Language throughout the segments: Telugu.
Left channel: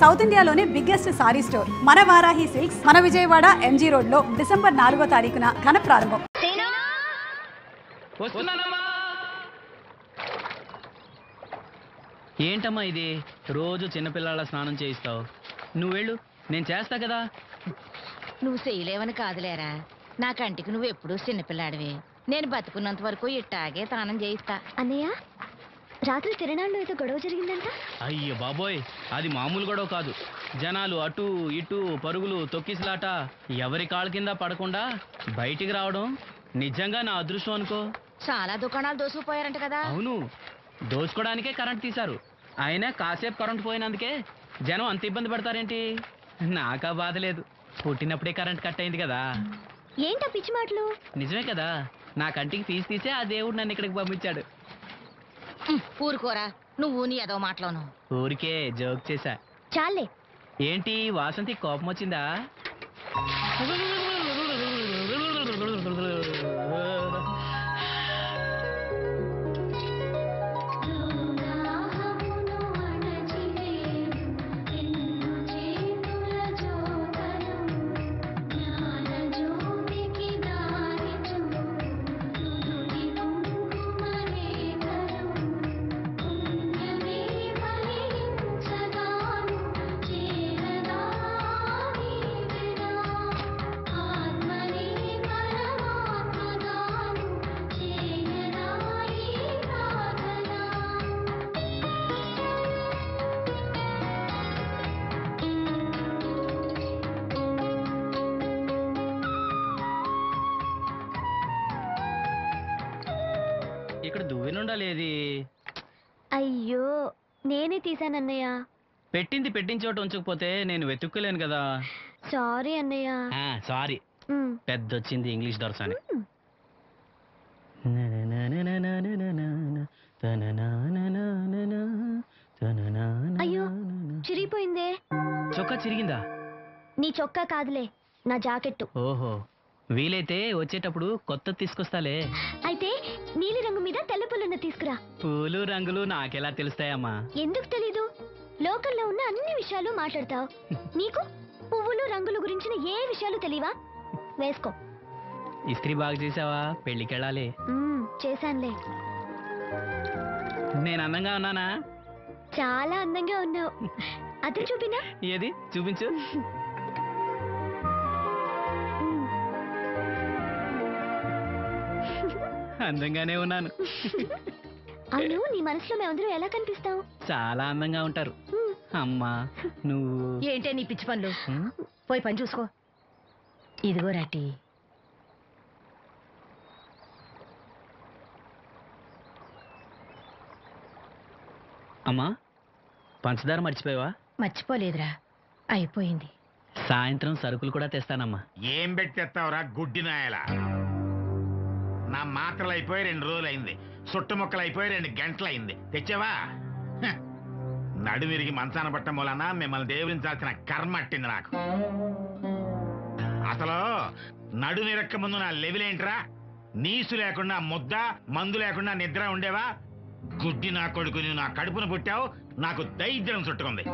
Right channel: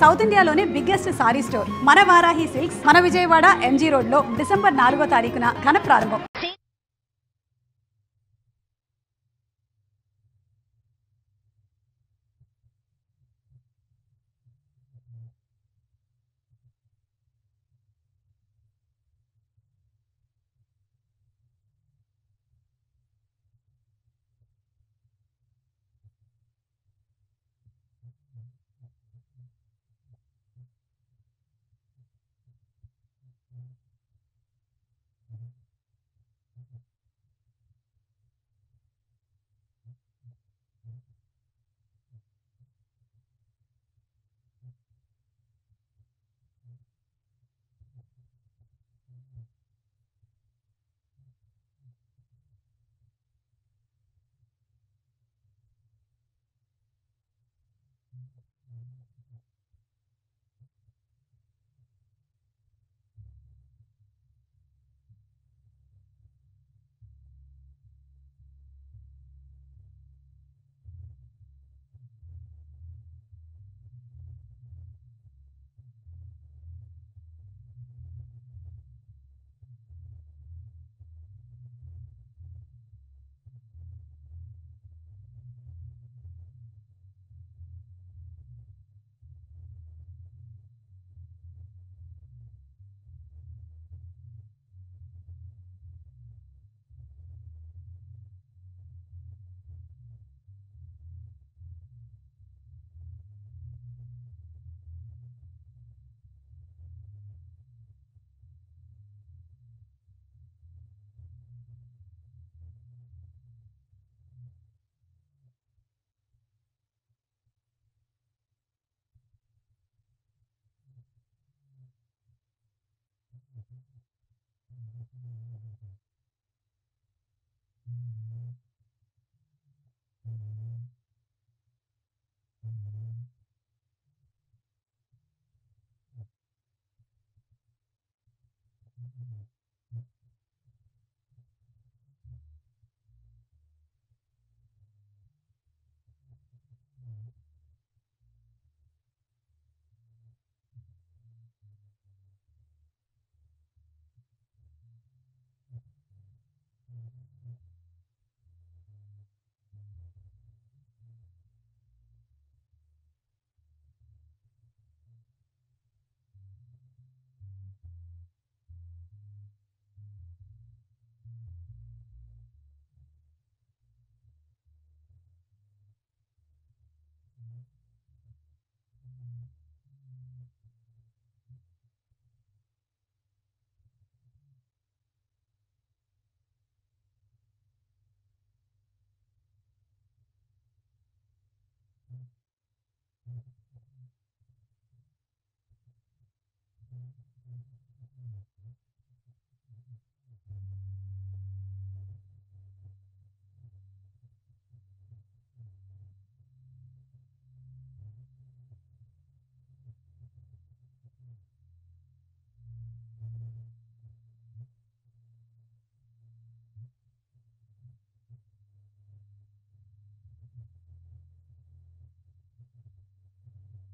సౌత్ ఇండియాలోనే బిగ్గెస్ట్ సారీ స్టోర్ మన వారాహి సిల్క్స్ మన విజయవాడ ఎంజీ రోడ్ లో డిసెంబర్ 4వ తారీఖున ఘన ప్రారంభం. ఏంటమ్మా ఇది? రోజు చిన్నపిల్లల స్నానం చేయిస్తావు. నువ్వు వెళ్ళు, నేను చేస్తా కదా. నువ్వు చేయలేవని కాదులేరా, నా కంటికి నువ్వు ఎప్పుడూ చిన్నపిల్లాడివి. నేను బతుకున్నంత వరకు ఇట్టాగే స్నానం చేయిస్తా. అన్నయ్య, రాత్రి తిరణాల్లో ఏదో గొడవ జరిగిందంట. అయ్యో బాబోయ్, అది మామూలు గొడవ కాదు. జనాలు అటు ఇటు పరుగులు, తొక్కిసలాట, ఎవరి కాళ్ళ కింద పడకుండా బయటికి రావడం నిజంగా నా అదృష్టం అనుకో. చాలా దుకాణాలు దోసుకుపోయారంట కదా. అవును, దోచుకోవడానికే కరెంట్ తీశారు. అయినా కాసేపు కరెంట్ పోయినందుకే జనం అంత ఇబ్బంది పడతారేంటి? నాకా బాధ లేదు, పుట్టినప్పుడే కరెంట్ కట్ అయింది కదా. ఏంటా పిచ్చి మాటలు? నిజమే కదా, నా కంటికి తీస్తే ఆ దేవుడు నన్ను ఇక్కడికి పంపించాడు. ఊరుకోరా, నువ్వు నీ ఏదో మాటలోను. ఊరికే జోక్ చేశా. చాలే. ఏంటి వాసంతి కోపం వచ్చిందా? ఇక్కడ దువ్వెనుండాలేది? అయ్యో, నేనే తీసానన్నయ్య. పెట్టిన చోట ఉంచకపోతే నేను వెతుక్కోలేను కదా. సారీ అన్నయ్య. సారీ. పెద్ద వచ్చింది ఇంగ్లీష్ దొరసాని. అయ్యో, చిరిగిపోయిందే. చొక్కా చిరిగిందా? నీ చొక్కా కాదులే, నా జాకెట్టు. ఓహో, వీలైతే వచ్చేటప్పుడు కొత్త తీసుకొస్తాలే. అయితే నీలి రంగు మీద తెల్ల పుల్లన్న తీసుకురా. పూలు రంగులు నాకెలా తెలుస్తాయమ్మా? ఎందుకు తెలీదు? లోకల్లో ఉన్న అన్ని విషయాలు మాట్లాడతావు. నీకు పువ్వులు రంగుల గురించిన ఏ విషయాలు తెలియవా? వేసుకో. ఇస్త్రీ బాగా చేసావా? పెళ్ళికెళ్ళాలి. చేశానులే. నేను అందంగా ఉన్నానా? చాలా అందంగా ఉన్నావు. అది చూపినా? ఏది చూపించు. అందంగానే ఉన్నాను. అవును, నీ మనసులో మేమందరం ఎలా కనిపిస్తావు? చాలా అందంగా ఉంటారు. అమ్మా నువ్వు ఏంటే నీ పిచ్చి పనులు? పోయి పని చూసుకో. ఇదిగో రాటి. అమ్మా, పంచదార మర్చిపోయావా? మర్చిపోలేదురా, అయిపోయింది. సాయంత్రం సరుకులు కూడా తెస్తానమ్మా. ఏం పెట్టి తెస్తావురా గుడ్డి నాయలా? నా మాత్రలు అయిపోయి 2 రోజులు అయింది, సుట్టుముక్కలు అయిపోయి 2 గంటలు అయింది. తెచ్చావా? నడుమిరిగి మంచాన పట్ట మూలన మిమ్మల్ని దేవుడించాల్సిన కర్మ అట్టింది నాకు. అసలు నడుమిరక్క ముందు నా లెవెలేంట్రా? నీసు లేకుండా ముద్ద, మందు లేకుండా నిద్ర ఉండేవా? గుడ్డి నా కొడుకు, నువ్వు నా కడుపును పుట్టావు, నాకు దైద్యం చుట్టుకుంది.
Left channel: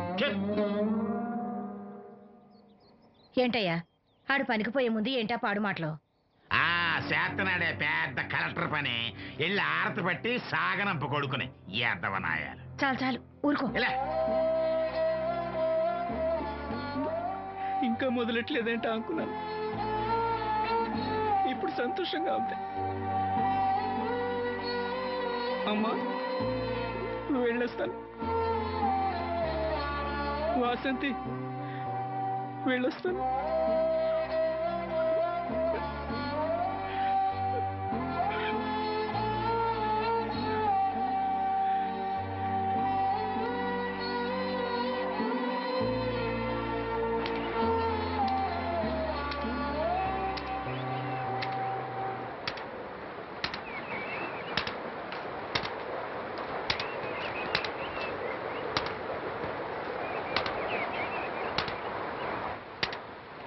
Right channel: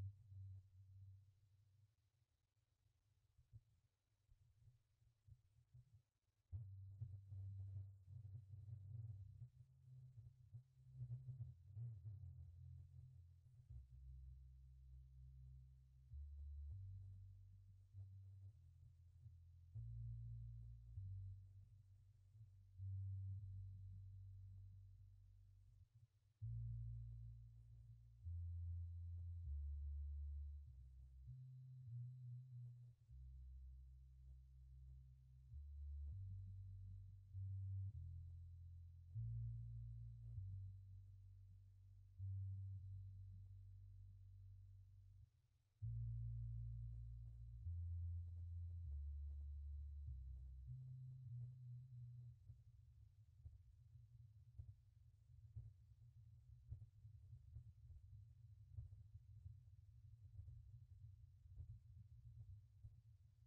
ఏంటయ్యా ఆడు పనికిపోయే ముందు ఏంటా పాడు మాటలు? చేతనాడే పెద్ద కలెక్టర్ పని. వెళ్ళి ఆరతి పట్టి సాగనంప కొడుకుని ఎద్దవనాయాలు. చాలు చాలు, ఊరుకో. ఇంకా మొదలెట్లేదేంటా అనుకున్నాను. ఇప్పుడు సంతోషంగా ఉంది. అమ్మా వెళ్ళొస్తాను. వాసంతి వెళ్ళొస్తాను.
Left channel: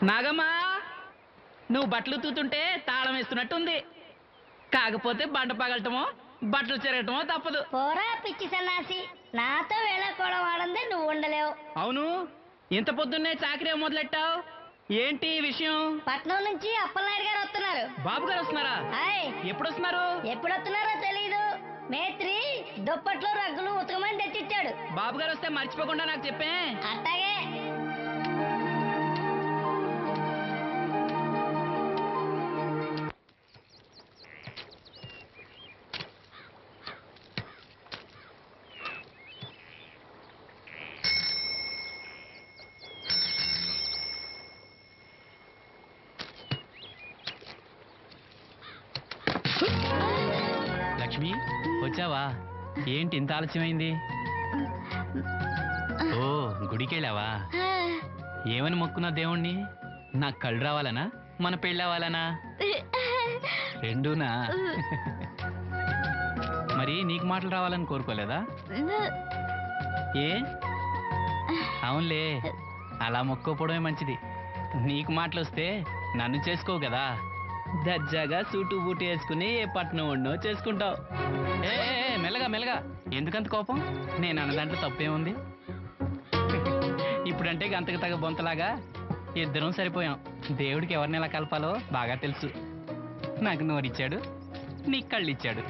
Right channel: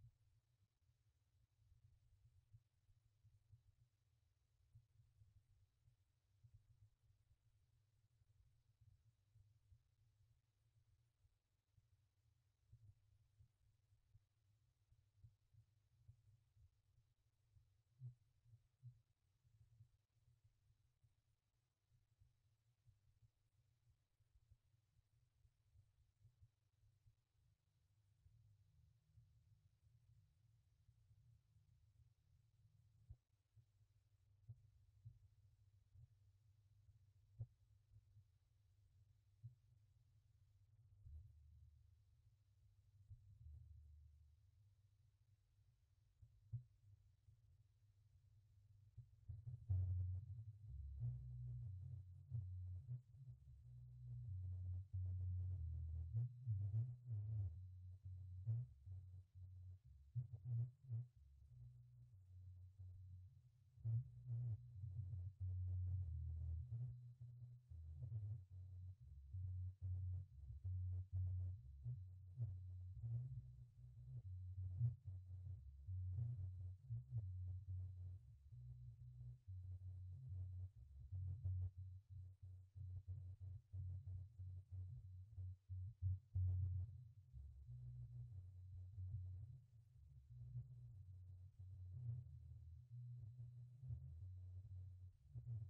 నాగమ్మా, నువ్వు బట్టలు తూతుంటే తాళం వేస్తున్నట్టుంది. కాకపోతే బండ పగలటమో బట్టలు చెరగటమో తప్పదు. పోరా పిచ్చి సన్నాసి, నాతో వేళకోళం ఆడందే నువ్వు ఉండలేవు. అవును, ఇంత పొద్దున్నే చాకరీ మొదలెట్టావు? ఏంటి ఈ విషయం? పట్నం నుంచి అప్పలనాయుడు గారు వస్తున్నారు. బాబు గారు వస్తున్నారా? ఎప్పుడు వస్తున్నారు? ఎప్పుడు వస్తున్నారో తెలీదు. మేత్రి దుప్పట్లో రగ్గులు ఉతకమని తెచ్చిచ్చాడు. బాబు గారు వస్తే మర్చిపోకుండా నాకు చెప్పే. అట్టాగే. లక్ష్మి వచ్చావా? ఏంటి ఇంత ఆలస్యమైంది? ఓ గుడికెళ్ళావా? ఏమని మొక్కున్నా దేవుణ్ణి? నాకు కళ్ళు రావాలనా, మన పెళ్ళవాలనా? రెండూనా? మరి నీకు మాటలు రావాలని కోరుకోలేదా? ఏ అవునులే, అలా మొక్కోపోవడమే మంచిది. నీకు మాటలు వస్తే నన్ను చేసుకోవు కదా, దర్జాగా సూటు బూటు వేసుకుని ఏ పట్నం ఉండో చేసుకుంటావు. ఏ మెల్లగా మెల్లగా, ఎందుకంత కోపం? నేను అన్న దాంట్లో తప్పేముంది? ఇప్పుడంటే గంతకు తగ్గ బొంతలాగా ఇద్దరం సరిపోయాం. దేవుడికి ఎవరిని ఎలా కలపాలో బాగా తెలుసు. నాకు నోరిచ్చాడు, నీకు కళ్ళు ఇచ్చాడు.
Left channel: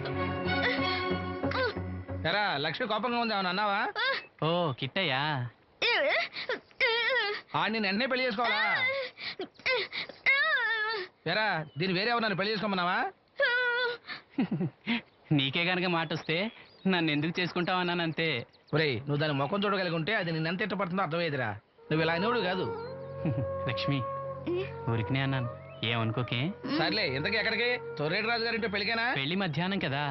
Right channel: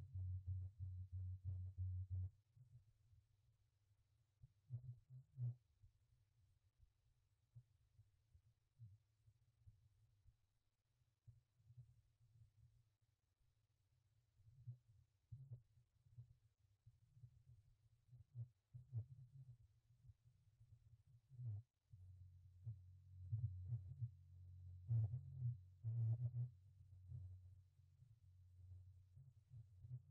ఎరా లక్ష్మి కోపంగా ఉంది, అవును అన్నావా? ఓ కిట్టయ్యా, నేను వెంటనే పెళ్లి చేసుకోవాలా? ఎరా దీన్ని వేరే ఎవరు పెళ్లి చేసుకోమన్నావా? నీకే గనక మాట వస్తే నన్ను ఎందుకు చేసుకుంటావు అన్నానంతే. ఒరేయ్, నువ్వు దాని ముఖం చూడగలిగి ఉంటే అది నేను ఎంత ఇష్టపడుతుందో అర్థమయ్యేదిరా. నువ్వు ఇలా అనేవాడు కాదు. లక్ష్మి ఊరికినే అన్నాను, ఏమనుకోకే. సర్లే, ఇంతకీ ఎక్కడికి? తొర్రేటి రాజు గారింటే పెళ్ళికేనా? పెళ్లి మధ్యాహ్నం కదా,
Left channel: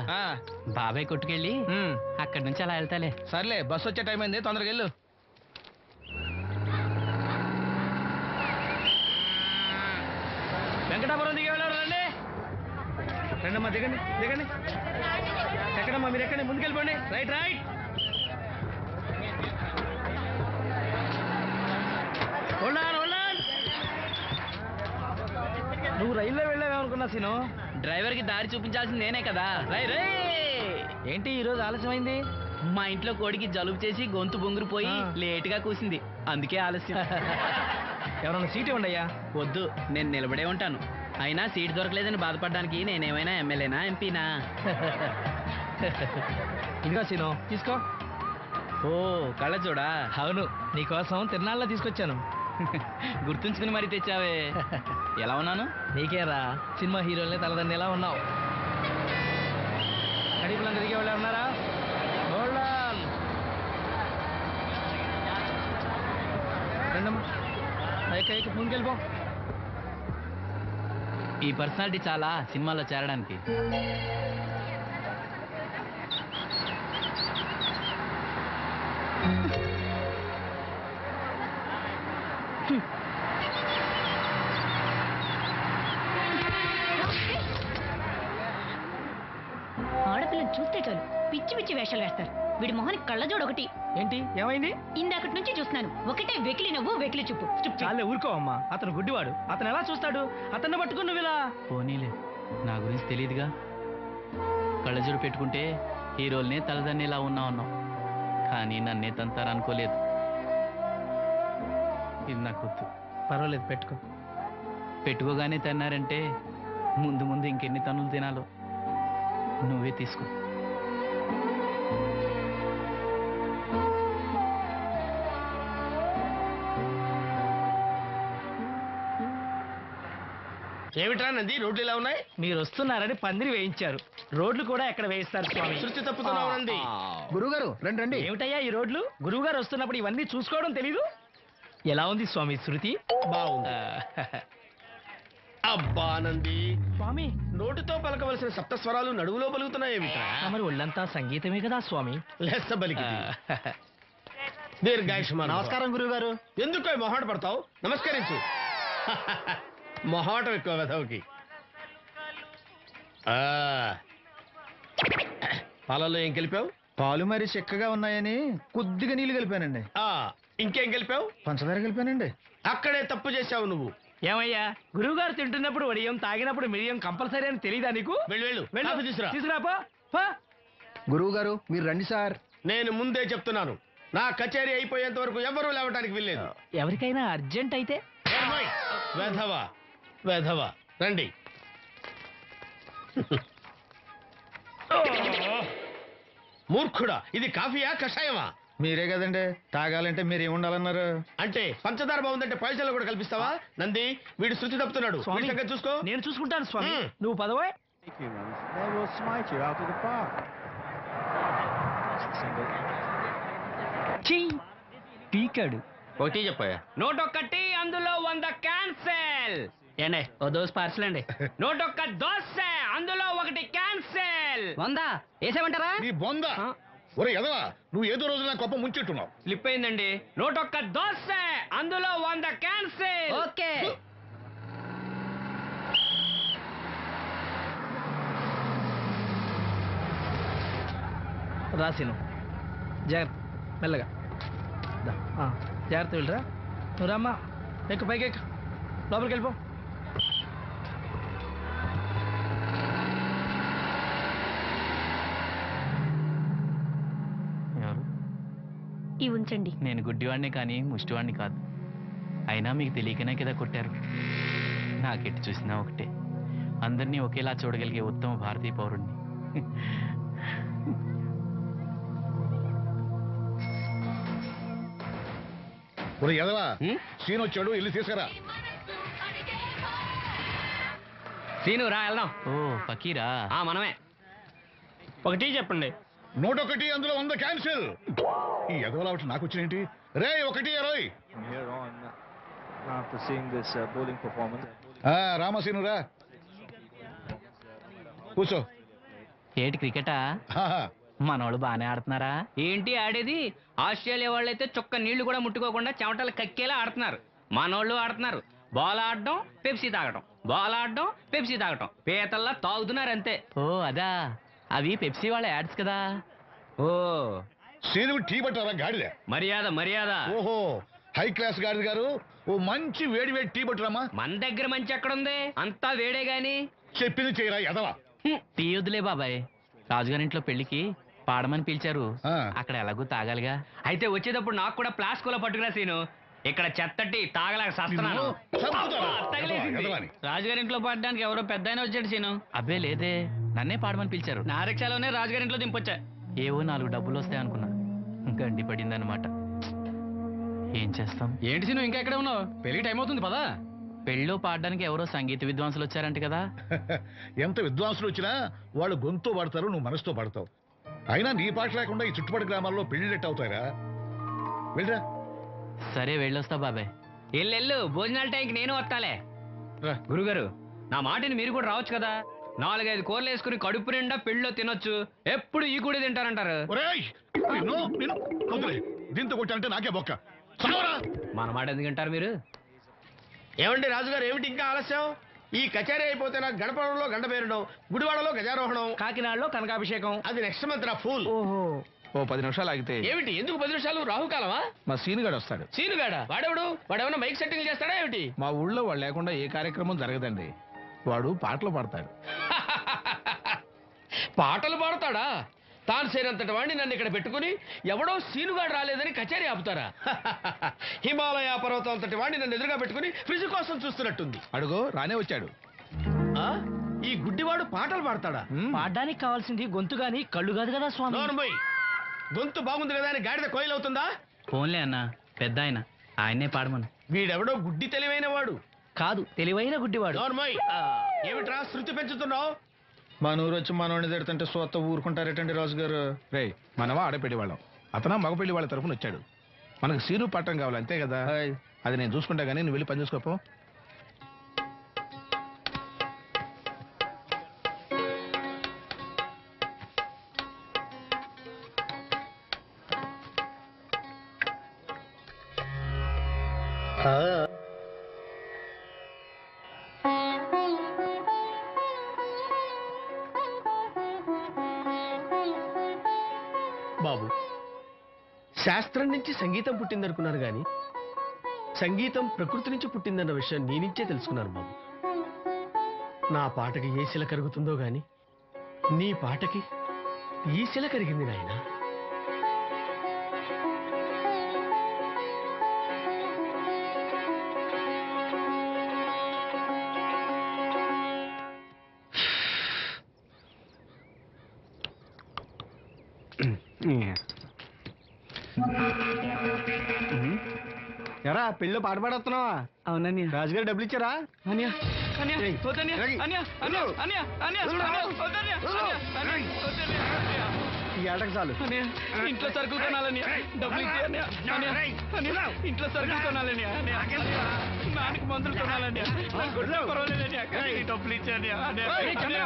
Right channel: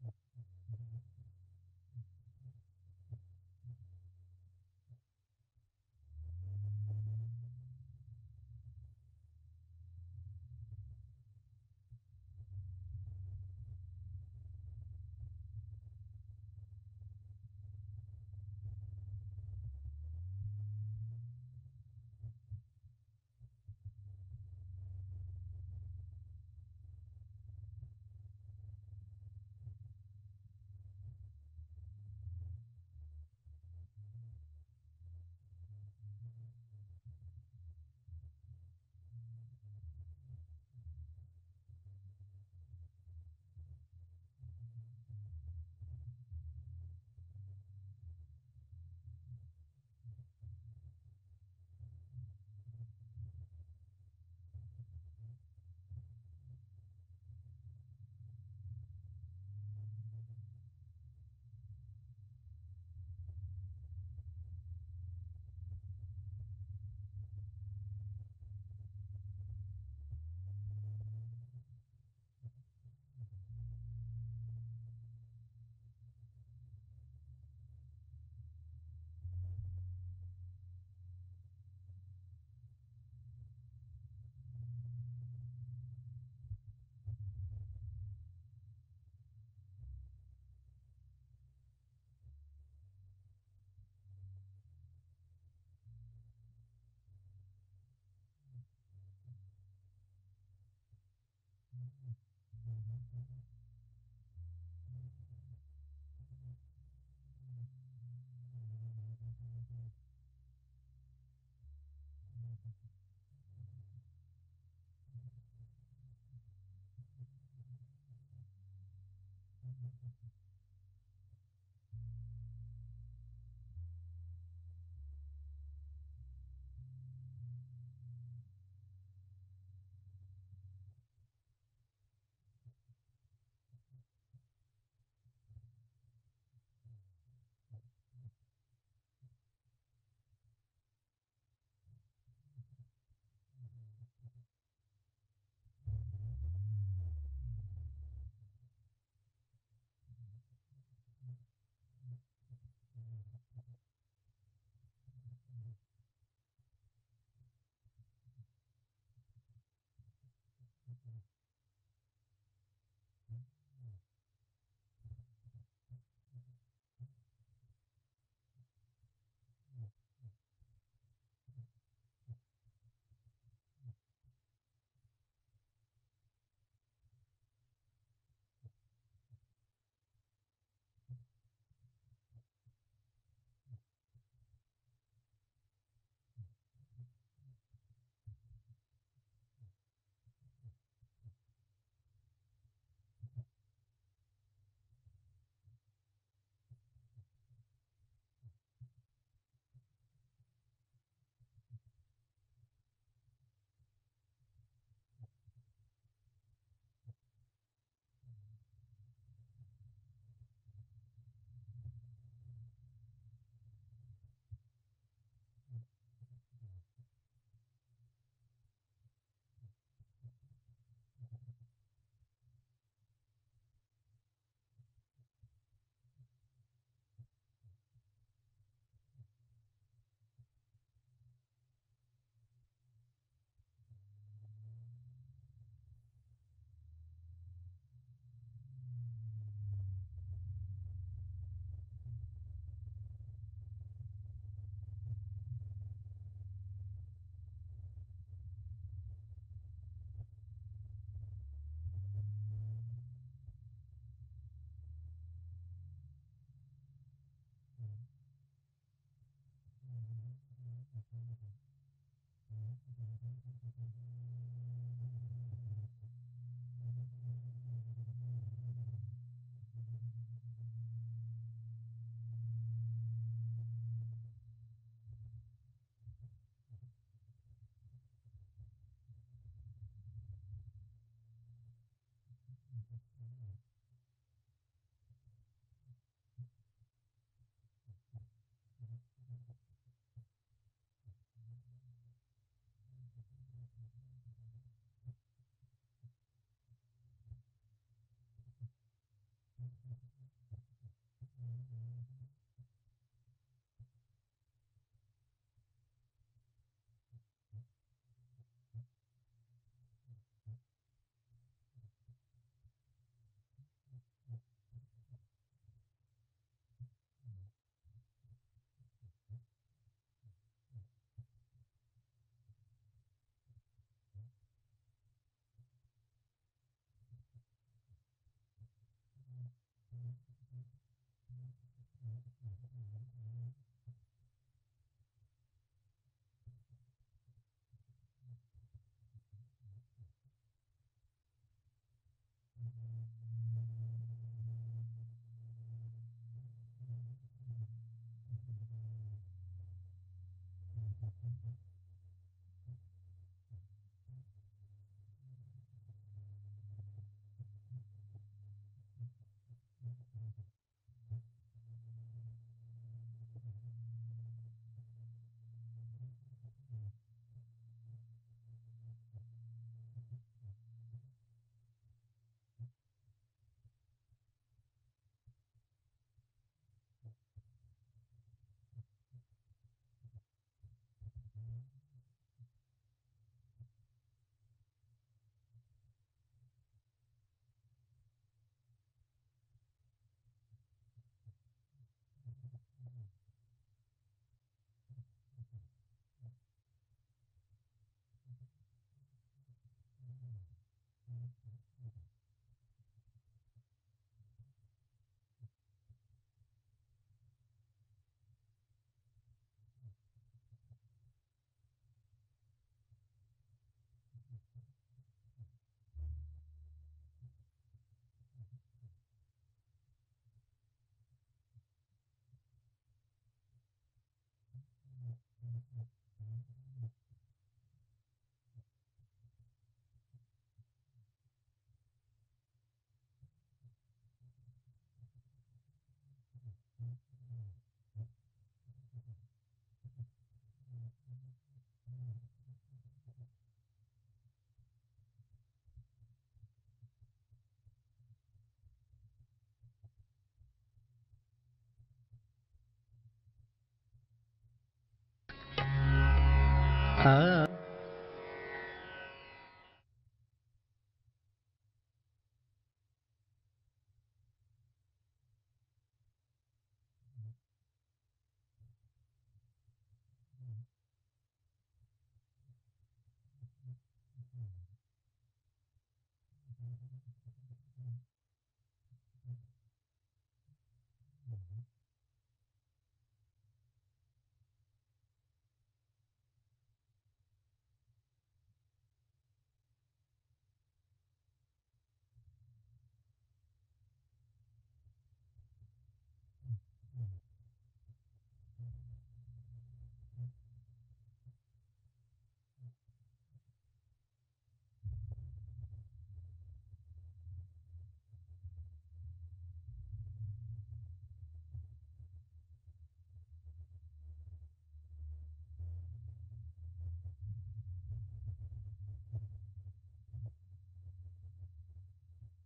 బాబాయ్ కొట్టుకెళ్ళి అక్కడి నుంచి అలా వెళ్తాలే. సర్లే, బస్సు వచ్చే టైం అయింది, తొందరగా వెళ్ళు. వెంకటాపురం దిగి వెళ్ళారు. రండి రండమ్మా, దిగండి దిగండి. ఎక్కడమ్మా మీరు? ఎక్కండి, ముందుకెళ్ళిపోండి. Right right. నువ్వు రైల్లో వెళ్ళావేమనుకున్నా సీను. డ్రైవర్ కి దారి చూపించాల్సింది నేనే కదా. రై రై. ఏంటి ఈరోజు ఆలస్యమైంది? మా ఇంట్లో కోడికి జలుబు చేసి గొంతు బొంగురుపోయి లేటుగా కూసింది, అందుకే ఆలస్యం. ఎవరన్నా సీట్ ఇవ్వండి అయ్యా. వద్దు, నేను నిలబడే ఉంటాను. అయినా సీట్ దొరకలేదని బాధపడడానికి నేనేమైనా ఎమ్మెల్యేనా, ఎంపీనా? ఇదిగో సీను, తీసుకో. ఓ కళ్ళ చూడా. అవును, నీకోసం తిరునాళ్ళ తీసుకొచ్చాను. గుర్తుంచుకుని మరి తెచ్చావే. ఎలా ఉన్నాను? నీకేరా, సినిమా హీరోలనే తలదండి ఎలా ఉన్నావు. కడిపులంతా దిగే వాళ్ళు ఉన్నారా? రండమ్మా, ముందుకెళ్ళిపో. ఈ పర్సనాలిటీ చాలా సినిమాలో చేరడానికి. ఆడపిల్లని చూస్తే చాలు పిచ్చి పిచ్చి వేషాలు వేస్తారు. వీడి మొహానికి కళ్ళజోడు ఒకటి. ఏంటి ఏమైంది? ఇందాకటి నుంచి చూస్తున్నాను, ఒకటే వెకిలి నవ్వు వెకిలి చూపు. చాలే ఊరుకో అమ్మా, అతను గుడ్డివాడు. అతను ఎలా చూస్తాడు? అతన్ని పట్టుకుని నువ్వు ఇలా. పోనీలే, నా గురించి తెలియదుగా. కళ్ళజోడు పెట్టుకుంటే హీరోల్నే తలదన్నేలా ఉన్నావు, కానీ నన్నే తంతారనుకోలేదు. ఇది నాకు వద్దు. పర్వాలేదు, పెట్టుకో. పెట్టుకోగానే తన్నారంటే ముందు ముందు ఇంకెన్ని తన్నులు తినాలో నువ్వే తీసుకో. ఏమిట్రా నంది, రోడ్లు ఇలా ఉన్నాయి? మీరు వస్తున్నారని పందిరి వేయించారు. రోడ్లు కూడా ఎక్కడ వేయిస్తారు స్వామి? శృతి తప్పుతున్నావు నంది. గురుగారు రండి రండి. ఏమిటయ్యా ఈ రోడ్లు? గురువు గారు వస్తున్నప్పుడు ఇవన్నీ చూసుకోవడం తెలీదు? ఎలా ఉంది స్వామి శృతి? బాగుంది. అబ్బా నంది, స్వామి నోటితో పలకవలసిన సప్తస్వరాలు నడువులో పలుకుతున్నాయేమిట్రా? మరి ఒళ్ళంతా సంగీతమే కదా స్వామి. లెస్స బలికి దీర్ఘాయుష్మాన్. నమస్కారం గురుగారు. ఎందుకో మొహాట పడతావు? నమస్కరించు. మొహాటం ఎక్కువ వెధవుకి. పాలలో ఏం కలిపావు? పాలు మరి చిక్కగా ఉన్నాయని కొద్దిగా నీళ్లు కలిపానండి. ఇంకేం కలిపావు? పంచదార కలిపానండి. అక్కడే తప్పు చేశావు నువ్వు. ఏమయ్యా, గురువు గారు తింటున్నప్పుడు వడియం, తాగినప్పుడు మిరియం కంపల్సరీ అని తెలీదా నీకు? వెళ్ళు వెళ్ళు, కాఫీ తీసుకురా. తీసుకురాపో. గురువు గారు మీరు రండి సార్. నేను ముందే చెప్తున్నాను, నా కచేరీ అయిపోయేంత వరకు ఎవరూ లేవటానికి వెళ్ళలేదు. ఎవరికైనా అర్జెంట్ అయితే వెధవా వెధవా రండి. మూర్ఖుడా, ఇది కాఫీయా కషాయమా? మీరే కదండి తాగాలంటే మీరు ఏముండాలన్నారు? అంటే పంచదార బాగుందంటే పైసలు కూడా కల్పిస్తావా? నంది, వీడు శృతి తప్పుతున్నాడు. స్వామి, వీడి సంగతి చూసుకో. నేను చూసుకుంటాను స్వామి. మ్మ్. నువ్వు పదవే. పీకాడు. ఒకటి చెప్పాయా? 101 అందులో 100 క్యాన్సెల్. ఏండే ఓ దోస్ పార్సల్ అండి. 101 దోశ అందులో 1 క్యాన్సెల్. 100 వేసేమంటారా? నీ బొంద ఒరే ఎదవా, నువ్వు ఏదో రోజు నా గొప్ప ముంచెట్టున్నావు. స్లిప్ అయిందండి. 101 దోశ అందులో 100 క్యాన్సెల్. ఓకే. రాసిను జాగ్రత్త, మెల్లగా దా. జాగ్రత్త వెళ్ళరా. నువ్వు రామ్మా, ఎక్కు పైకి ఎక్కు, లోపలికి వెళ్ళిపో. ఎవరు? ఇవి ఉంచండి. నేను గుడ్డివాడిని కానీ ముష్టివాడిని కాదు. అయినా మీకు తెలియకనే కదా కొట్టారు. నాకెట్టి చూసినా ఒకటే, అందరినీ ఒకేలా చూడగలిగే ఉత్తమ భారతీయ పౌరుణ్ణి. ఒరే ఎదవా, సీన్ వచ్చాడు, ఇల్లు తీసుకురా. సీను రా వెళ్దాం. ఓ ఫకీరా. మనమే. ఒకటి చెప్పండి. 101 అందులో 100 క్యాన్సిల్. ఈ ఎదవలా ఒకటి నాకు వచ్చినేంటి? రే 1-20. రామసీను రా, కూర్చో. ఏటి క్రికెటా? ఆహా. మనోళ్ళు బాగానే ఆడుతున్నారా? ఏంటి ఆడేది? ఆస్ట్రేలియా వాళ్ళైతే చొక్క నీళ్లు కూడా ముట్టుకోకుండా చెమటలు కక్కేలా ఆడుతున్నారు. మనోళ్ళు ఆడుతున్నారు. బాల్ ఆడడం, పెప్సీ తాగడం, బాల్ ఆడడం, పెప్సీ తాగడం, పీతల్లా తాగుతున్నారు అంతే. ఓ అదా, అవి పెప్సీ వాళ్ళ యాడ్స్ కదా. ఓ సీను టీ పట్టారా గాడిద? మర్యాద మర్యాద. ఓహో, హై క్లాస్ గాడిద గారు, ఓ మంచి వేడి వేడి టీ పట్టురామా. మన దగ్గర మంచి ఎక్కడుంది? అంతా వేడే గాని. చెప్పింది చేయరా ఎదవా. టీ వద్దులే బాబాయ్, రాజుగారింట్లో పెళ్లికి పాడమని పిలిచారు. ఆ. అక్కడ ఎలాగూ తాగాలిగా. అయితే వచ్చేటప్పుడు నాకు కూడా ప్లాస్కోలో పట్టుకురా సీను. ఇక్కడ చెత్తటి తాగలేక సస్తున్నాను. నిన్ను చంపుతాను. అబ్బా, తగిలేసింది. ఎదవా అని. రాజుగారింట్లో పడడానికి ఎవరో పెద్ద ఆయన వచ్చాడు సీను. అబ్బే లేదే, నన్నే పాడమని పిలిచారు. నా రిక్షాలోనే రాజుగారింట్లో దింపొచ్చా. ఏవో 4 డబ్బులు వస్తాయి అనుకున్నా, గండి పడిందనమాట. ఏం చేస్తాం? ఏంటి సీను ఇంకా ఎక్కడ ఉన్నావు? పెళ్లి టైం అవుతుంది పదా. పెళ్ళిలో పాడడానికి ఎవరో సంగీత విద్వాంసులు వచ్చారంట కదా. ఎంత విద్వాంసులు వచ్చినా వాళ్ళు గొంతు పడతారు, నువ్వు మనసుతో పడతావు. అయినా నీ పాట లేకుండా ఈ చుట్టుపక్కల గ్రామాల్లో పెళ్లిళ్ళెట్ అవుతాయిరా. వెళ్ళరా. సరే వెళ్ళొస్తా బాబాయ్. ఎల్లెళ్ళు, భోజనాల టైంకి నేను వస్తాలే. గురుగారు, నా మాటని మీరు కూడా రావచ్చు కదా. 4-5 కూరలు వేసుకుని కడుపు నిండా పెళ్ళిలో తినొచ్చు. ఎప్పుడు ఈ కూడా తింటారంటారు. ఒరేయ్, నిన్ను వదిలే. దీంతో కొట్టాలంటే నాకే బొక్క. చావరా. మన మాట ఎందుకు తింటారు మీరు? ఏమండి రాజుగారు, ఏమిటి ఇంకా ఆలస్యం? ఈ కచేరీ అయిపోతే నాకు గణపవరంలో గండ పేరడం, గుడివాడలో గజారోహణం, కాకినాడలో కనకాభిషేకం. అది నెక్స్ట్ మంత్ రా ఫూల్. ఓహో, ఓ 10 నిమిషాలు ఆగితే ఏమిటి, ఎందుకు 10 నిమిషాలు? రాహుకాలమా? మా సీనుగాడు వస్తాడు. సీనుగాడా? వాడెవడు? వాడేమన్నా మైక్ సెట్టింగ్ చేస్తాడా ఏమిటి? మా ఊళ్ళో వాడు లేకుండా ఏ కార్యక్రమం జరగదండి. వాడు పాటలు పాడతాడు. పాటలు పాడతాడా? తాను సేనంతటి వాడిని నన్ను ఇక్కడ పెట్టుకుని ఎవడో సీనుగాడు రాలేదని కచేరీ ఆపుతారా? హిమాలయ పర్వతం అంతటి వాడిని నన్ను ఎదురుగా పెట్టుకుని ఫ్రిజ్ కోసం చూస్తున్నట్టుంది. అడుగో రానే వచ్చాడు. ఆ? ఈ గుడ్డివాడు పాటలు పాడతాడా? పాడడానికి కావాల్సింది గొంతు గాని కళ్ళు కాదు కదా స్వామి. నోర్మోయ్, గొంతు బాగుంది కదా అని గాడిద కోయిలవుతుందా? ఫోన్లే అన్న, పెద్ద ఆయన, ఆయన్నే పాడమను. వీడెవడో గుడ్డి తెలివైన వాడు. కాదు, తెలివైన గుడ్డివాడు. నోర్మోయ్, ఏమిట్రా శృతి పెంచుతున్నావు? మన ఊరు వచ్చి మనోడిని తిడుతుంటే సొత్త ఊరుకుంటారేటండి రాజుగారు? రే, మనవా ఆడపెళ్లి వాళ్ళం, అతను మగ పెళ్లి వాళ్ళ తరఫున వచ్చాడు. మనకు సీను పట్టం కావాలి అంతే కదా. అది నేను చూసుకుంటా గానీ నువ్వు వెళ్ళి పని చూసుకోపో. బాబు, శాస్త్రం నుంచి సంగీతం పుట్టిందనుకున్నారు గాని సంగీతం ప్రకృతి నుంచి పుట్టిందన్న విషయం నీ నుంచే తెలుసుకున్నారు బాబు. నా పాటకి ఏ శిల కరుగుతుందో గాని నీ పాటకి ఈ శిల కరిగింది నాయనా. ఎరా పెళ్ళి పాట పాడుతున్నావా? అవునని రాజుగారు డబ్బులు ఇచ్చారా? అన్యా ఏయ్, ఈ ఆటకు చాలు. ఇంట్లో సరుకులు కొనాలని డబ్బులు ఇచ్చి ఇంట్లో సరుకులు కొనాలని నాన్నకి మందులు కొనాలని పర్వాలేదని డబ్బులు ఇచ్చాని డబ్బులు ఇచ్చాని